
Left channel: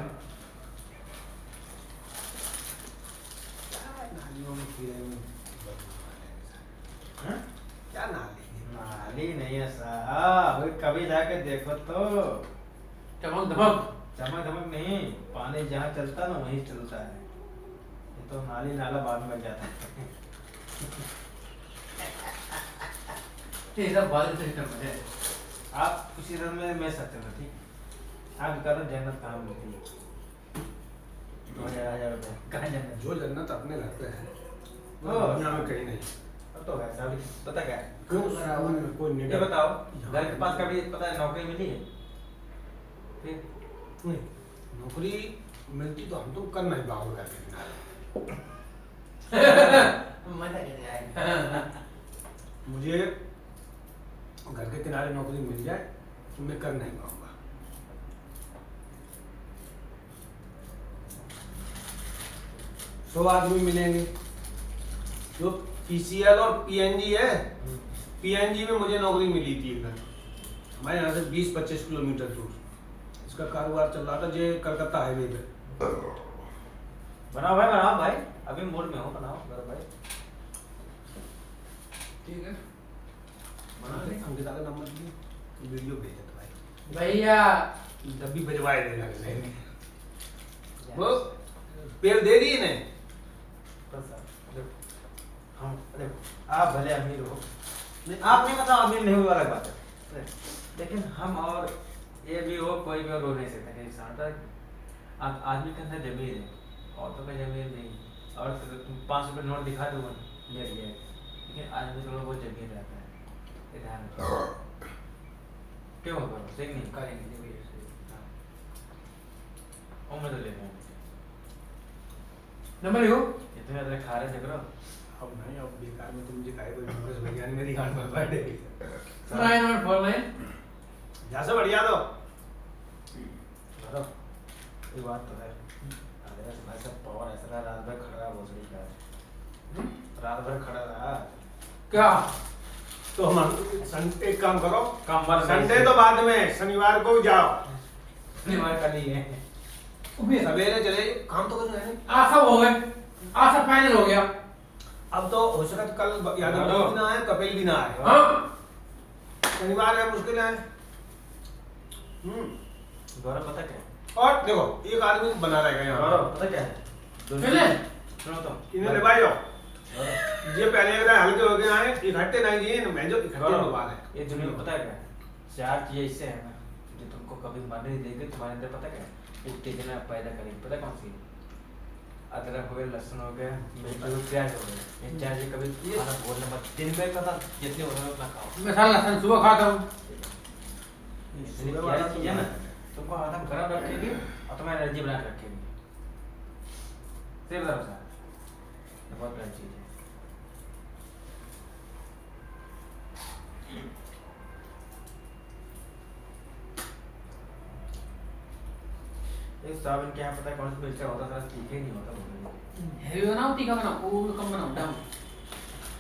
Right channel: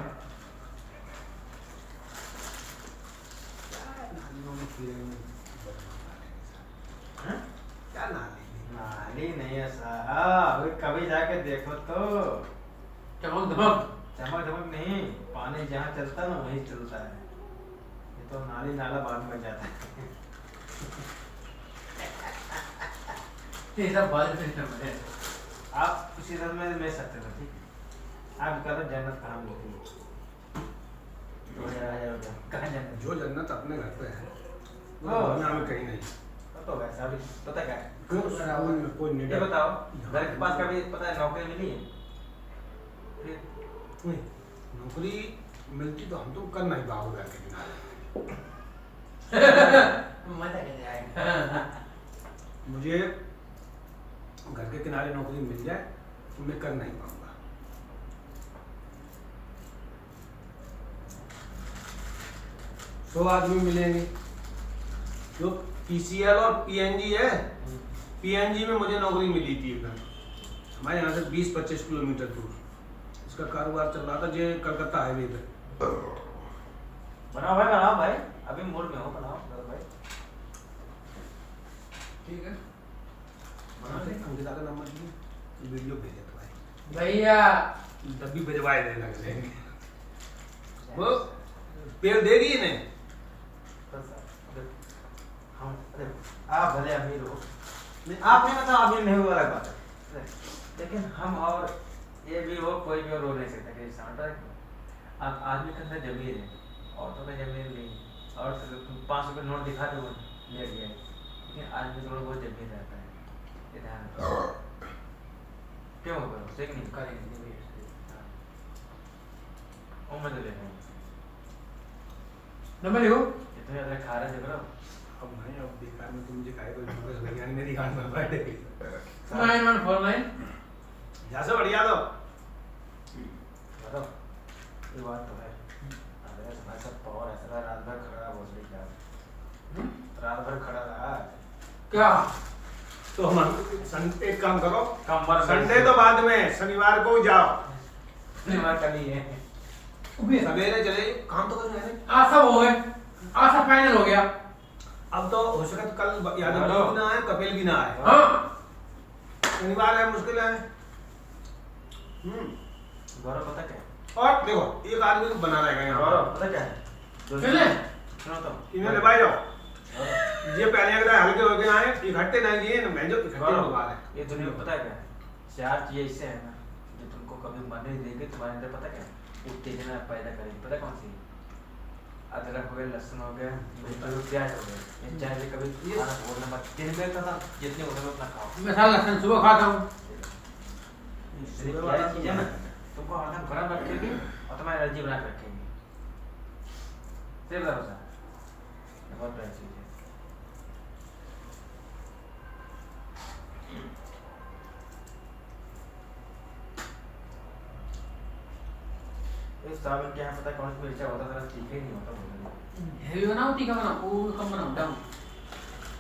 हैं? क्या नाली नाली नहीं है साहब, अभी कभी जाके देखो तो। चमक धमक। चमक धमक नहीं, पानी जहाँ चलता है ना वहीं चलता है। ये तो नाली नाला बाद में बन जाता है। ये सब बादल सिस्टम है। आप उसी तरह में मैं सकते हो, ठीक है? आप कह रहे जन्नत कहाँ मिलती है? तो आ जाओ कहाँ जाना? जो जन्नत अपने घर पे है वो हाँ। दुनिया में कहीं नहीं। तो वैसा भी पता क्या है? क्यों कोई ये निडर बताओ, घर के पास कभी पता है नौकरी मिली है? फिर नहीं, नौकरी मिलती तो हम तो कर नहीं पाओगे घर के किनारे। मजा कैसे आएगा? मुझे घर के किनारे नौकरी मिल जाए तो मैं कर नहीं पाऊंगा। 100 आदमी मिलेंगे। जो पीसीएल और पीएनजी है, पीएनजी में मुझे नौकरी मिली थी एकदम हमारे यहाँ से 20-25 किलोमीटर दूर। इसका कारोबार चल रहा था जो कलकत्ता हाईवे पे। बनाओ भाई, अभी मूड में हो, बनाओ मेरा भाई। ठीक है। अंकिता का नंबर दिए, वीडियो भेजे तो भाई भैया जब भी भिजवाए देना वो पेड़ दे दिए ने। हम देखो, आप भले अमीर हो, नहीं आप नहीं, मतलब अमीर नहीं हुआ अलग बात है, लेकिन हम और ये भी हो, कोई भी रो नहीं सकता कि आदमी के अंदर जमीर है, औरतों का जमीर नहीं। और तुम 5 रुपये नोट दिखा दो ले लिया, लेकिन आदमी थोड़ा बहुत जमीर रहता है। ये ध्यान रखो। क्यों होगा सही नहीं करेंगे भैया। उम्र तो ले रहे हैं, नंबर लिखो। इतने ज़्यादा खा रहे देख रहे हो। अब नहीं, अब बेकार में तुम मुझे खाए तो विज्ञान मेरी गांड में बैठ गई। 9149 जहाँ से बढ़िया दो बरो, ये बात तो है। अरे भाई सब पावर ऐसा है, रात भर खड़ा रहा भोसड़ी क्या, रात भर खड़ा रहा क्या? तो हम एक काम करो, कमर संडे तो बाद में, शनिवार को जाओ। शनिवार कल ही है। सवेरे चले काम तो करना है। आज सब हो गए, आज सब फाइनल हो गया। अब तो हो सके तो कल यादव भी ना आए, कपिल भी ना आए। हाँ शनिवार है, मुश्किल है। गौरव पता क्या है? और देखो एक आदमी बना रहेगा यहाँ गौरव पता क्या है? चले सुनो तो इन्हें दबाई जाओ। ये पहले अगर हल्के हो गए आए, इकट्ठे नहीं जिए ना, मैं जो इकट्ठे होने है। ये दुनिया में पता है क्या है? 4 चीजें इससे है ना जो तुमको कभी मन नहीं देगी, तुम्हारे अंदर पता क्या है? उत्तेजना पैदा करेगी। पता कौन सी? अदरक हो गया, लहसुन हो गया, प्याज हो गया। ये चाय से कभी खाना बोलना मत, दिन में का जितने हो उतना खाओ। मैं साला लहसुन सुबह खाता हूँ। क्या चीज है ना, तुमको हरदम गर्म रखेगी और तुम्हारी एनर्जी बना के रखेगी। सिर्फ भरोसा, बहुत बड़ी चीज है। इस साबुन के यहाँ पता है कौन सी मिर्चा होता है, तीखा ही नहीं होता बोलते। हेवी बनाओ, तीखा बनाओ, वो कम बनाओ, डाउन।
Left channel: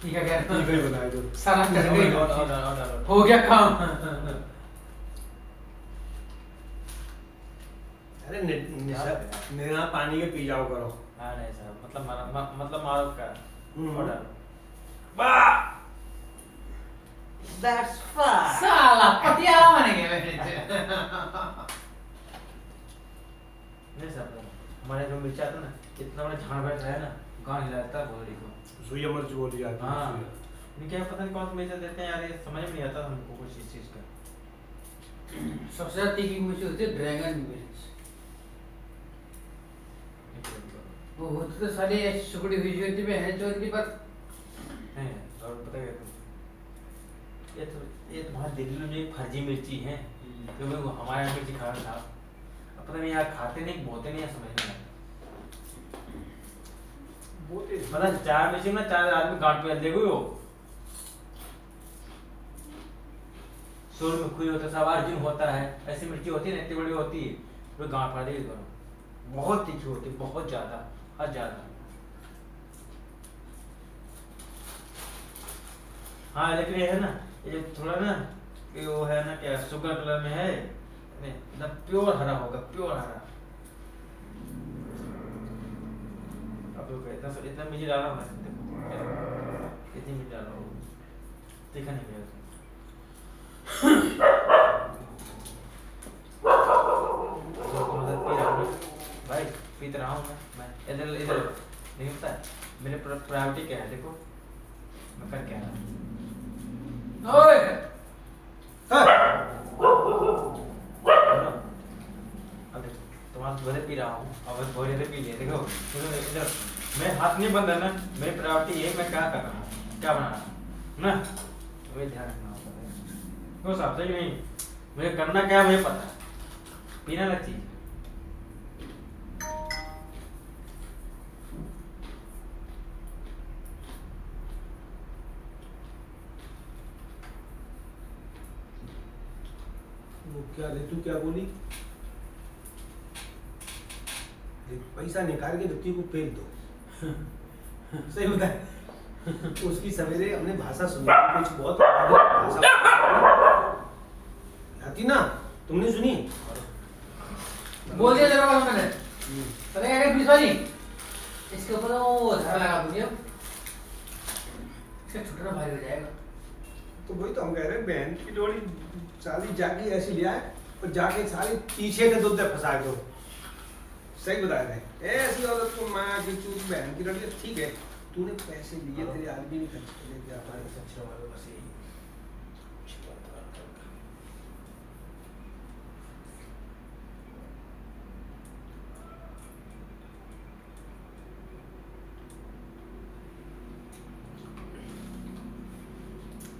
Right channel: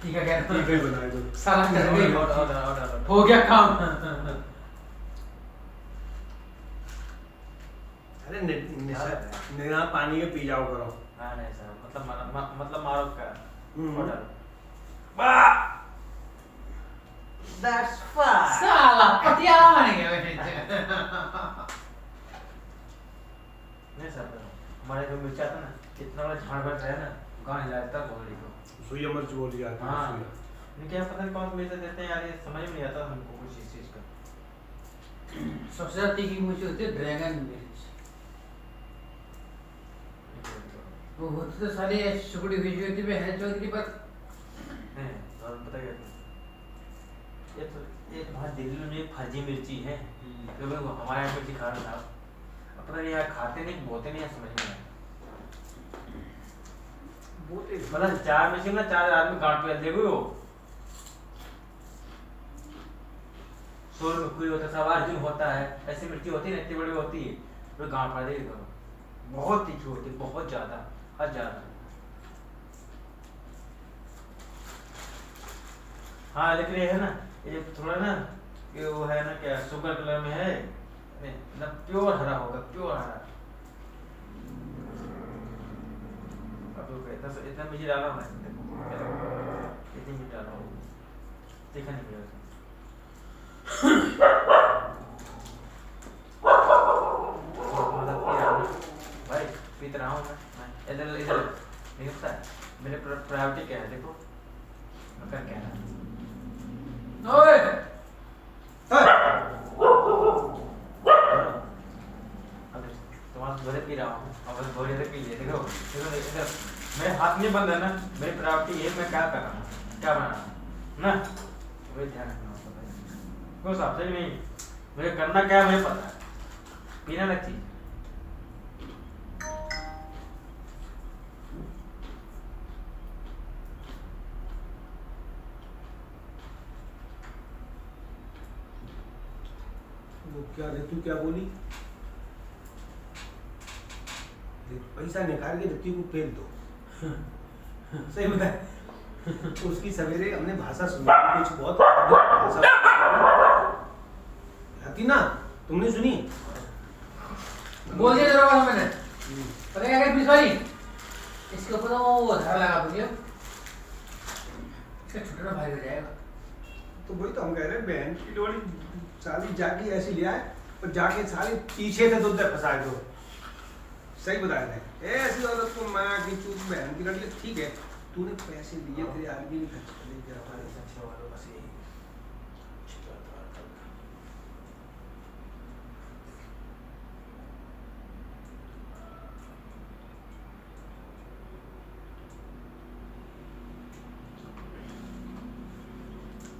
तीखा क्या? ठीक है बनाए दो। साला कर गई, और हो गया काम। अरे निरा पानी के पी जाओ करो। हाँ नहीं साहब, मतलब मारो का ऑर्डर। That's fine. साला पटियाला बन गया मेरे। नहीं साहब, हमारे जो मिर्चा था ना, इतना बड़ा झाड़ बैठ है ना, गाँव हिलाता बोली को। सुइया मिर्च बोली जाती है। हाँ, लेकिन क्या पता नहीं कौन सा मिर्चा देते हैं यार, ये समझ में नहीं आता हमको कुछ इस चीज का। सबसे ज्यादा तीखी मिर्च होती है ड्रैगन मिर्च। वो होती तो सारी सुकड़ी हुई होती है चौधरी पर। नहीं, और पता है ये तुम्हारे दिल्ली में ये फर्जी मिर्ची है, क्योंकि वो हमारे यहाँ मिर्ची खाना था। अब पता नहीं यार, खाते नहीं बोलते नहीं, समझ नहीं आता। मतलब 4 मिर्ची में 4 आदमी गांठ पे देखो वो सोल में खुई होता है, सब अर्जुन होता है, ऐसी मिर्ची होती है ना, इतनी बड़ी होती है, वो गांठ फाड़ देगी दोनों। बहुत तीखी होती है, बहुत ज्यादा, हद ज्यादा। हाँ लेकिन ये है ना, ये थोड़ा ना, ये वो है ना क्या, शुगर कलर में है, एकदम प्योर हरा होगा, प्योर हरा। अब देखो इतना मिर्ची डाला हूँ मैं, देखो इतनी भी ज़्यादा हो देखा नहीं गया मतलब पी रहा हूँ भाई, पीत रहा हूँ मैं इधर इधर नहीं होता है। मेरे प्रायोरिटी क्या है देखो, मैं कर क्या है। ओए अब तुम्हारा भले पी रहा हूँ, अब थोड़ी देर पी लिए देखो देखो इधर मेरे हाथ नहीं बंद है ना, मेरी प्रायोरिटी ये मैं क्या कर रहा हूँ, क्या बना रहा हूँ ना, तो ध्यान रखना होता है। तो साहब सही नहीं, मुझे करना क्या है मुझे पता है, पीने लग चीज। क्या ऋतु क्या बोली? पैसा निकाल के ऋतु को फेंक दो। सही बताए। उसकी सवेरे हमने भाषा सुनी, कुछ बहुत भाषा आती ना, तुमने सुनी? बोल दिया तेरे को मैंने, पता क्या कर पिछवाड़ी इसके ऊपर वो धारा लगा दीजिए, इसका छुटना भारी हो जाएगा। तो वही तो हम कह रहे हैं, बहन की डोरी साली जाके ऐसी ले आए और जाके साली पीछे से दूध फंसा दो। सही बताया था, ऐसी औरत को माँ की चूत बहन की डोरी ठीक है, तूने पैसे दिए तेरे आदमी नहीं खर्च कर ले जा पाए अच्छे वालों बस यही।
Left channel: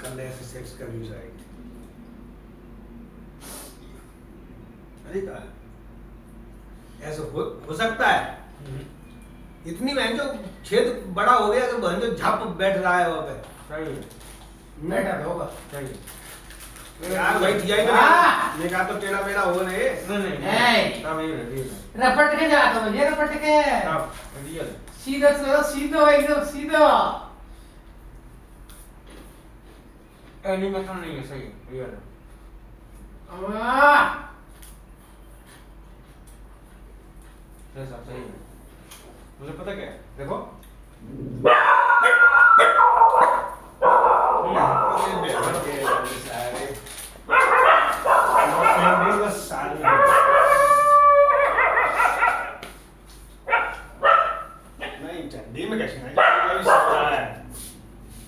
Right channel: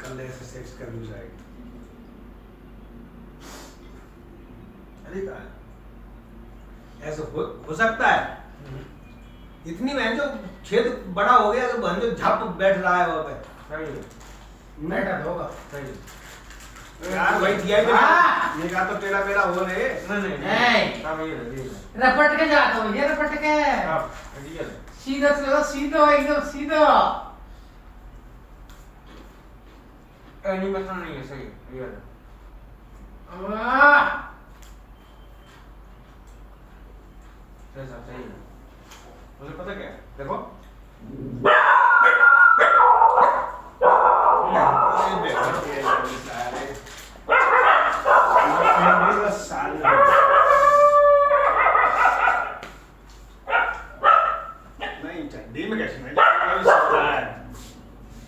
कल ऐसे सेक्स का न्यूज आएगी। अरे कहा ऐसा हो सकता है, इतनी बहन जो छेद बड़ा हो गया तो बहन जो झप बैठ रहा है वहां पे। सही है, बैठा तो होगा सही है यार भाई दिया ही तो ये कहा तो टेढ़ा मेढ़ा हो रहे। नहीं हाँ वही है रपट के जाता हूँ, ये रपट के रियल है। सीधा चलो, सीधा एकदम सीधा। एनिमेशन नहीं है, सही है रियल है। सही है, मुझे पता क्या है देखो, नहीं चड्डी में कैसे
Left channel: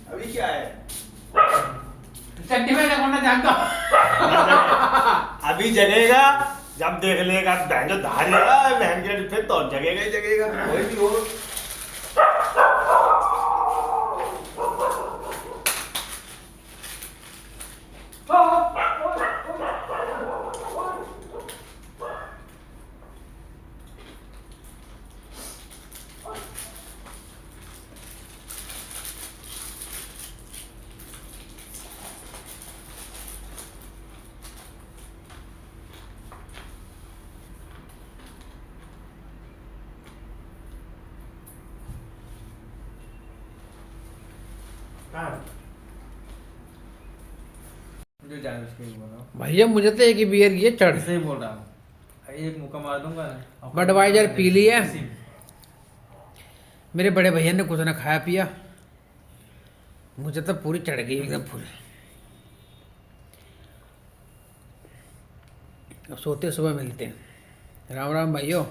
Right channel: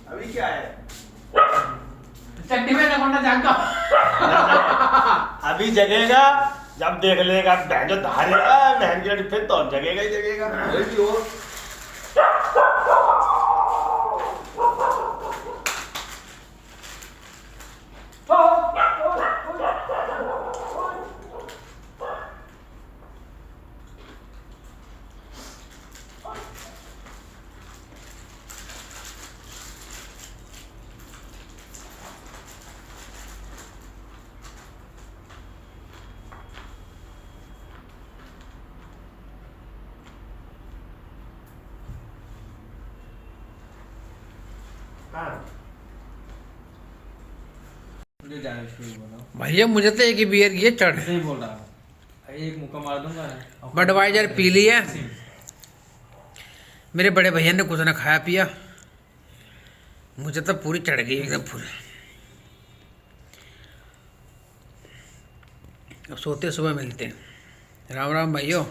अभी क्या है, चड्डी में लगोना जानता अभी जगेगा जब देख लेगा बहन जो धारेगा बहन के फिर तो जगेगा ही जगेगा। वही हो भैया मुझे तो एक ही बियर ये चढ़ सही बोल रहा हूँ, एक मुक्का मार दूंगा ना। बडवाइजर पी लिया, मेरे बड़े भैया ने कुछ ना खाया पिया, मुझे तो पूरी चढ़ गई एकदम पूरी। अब सोते सुबह मिलते हैं। राम राम भाइयों।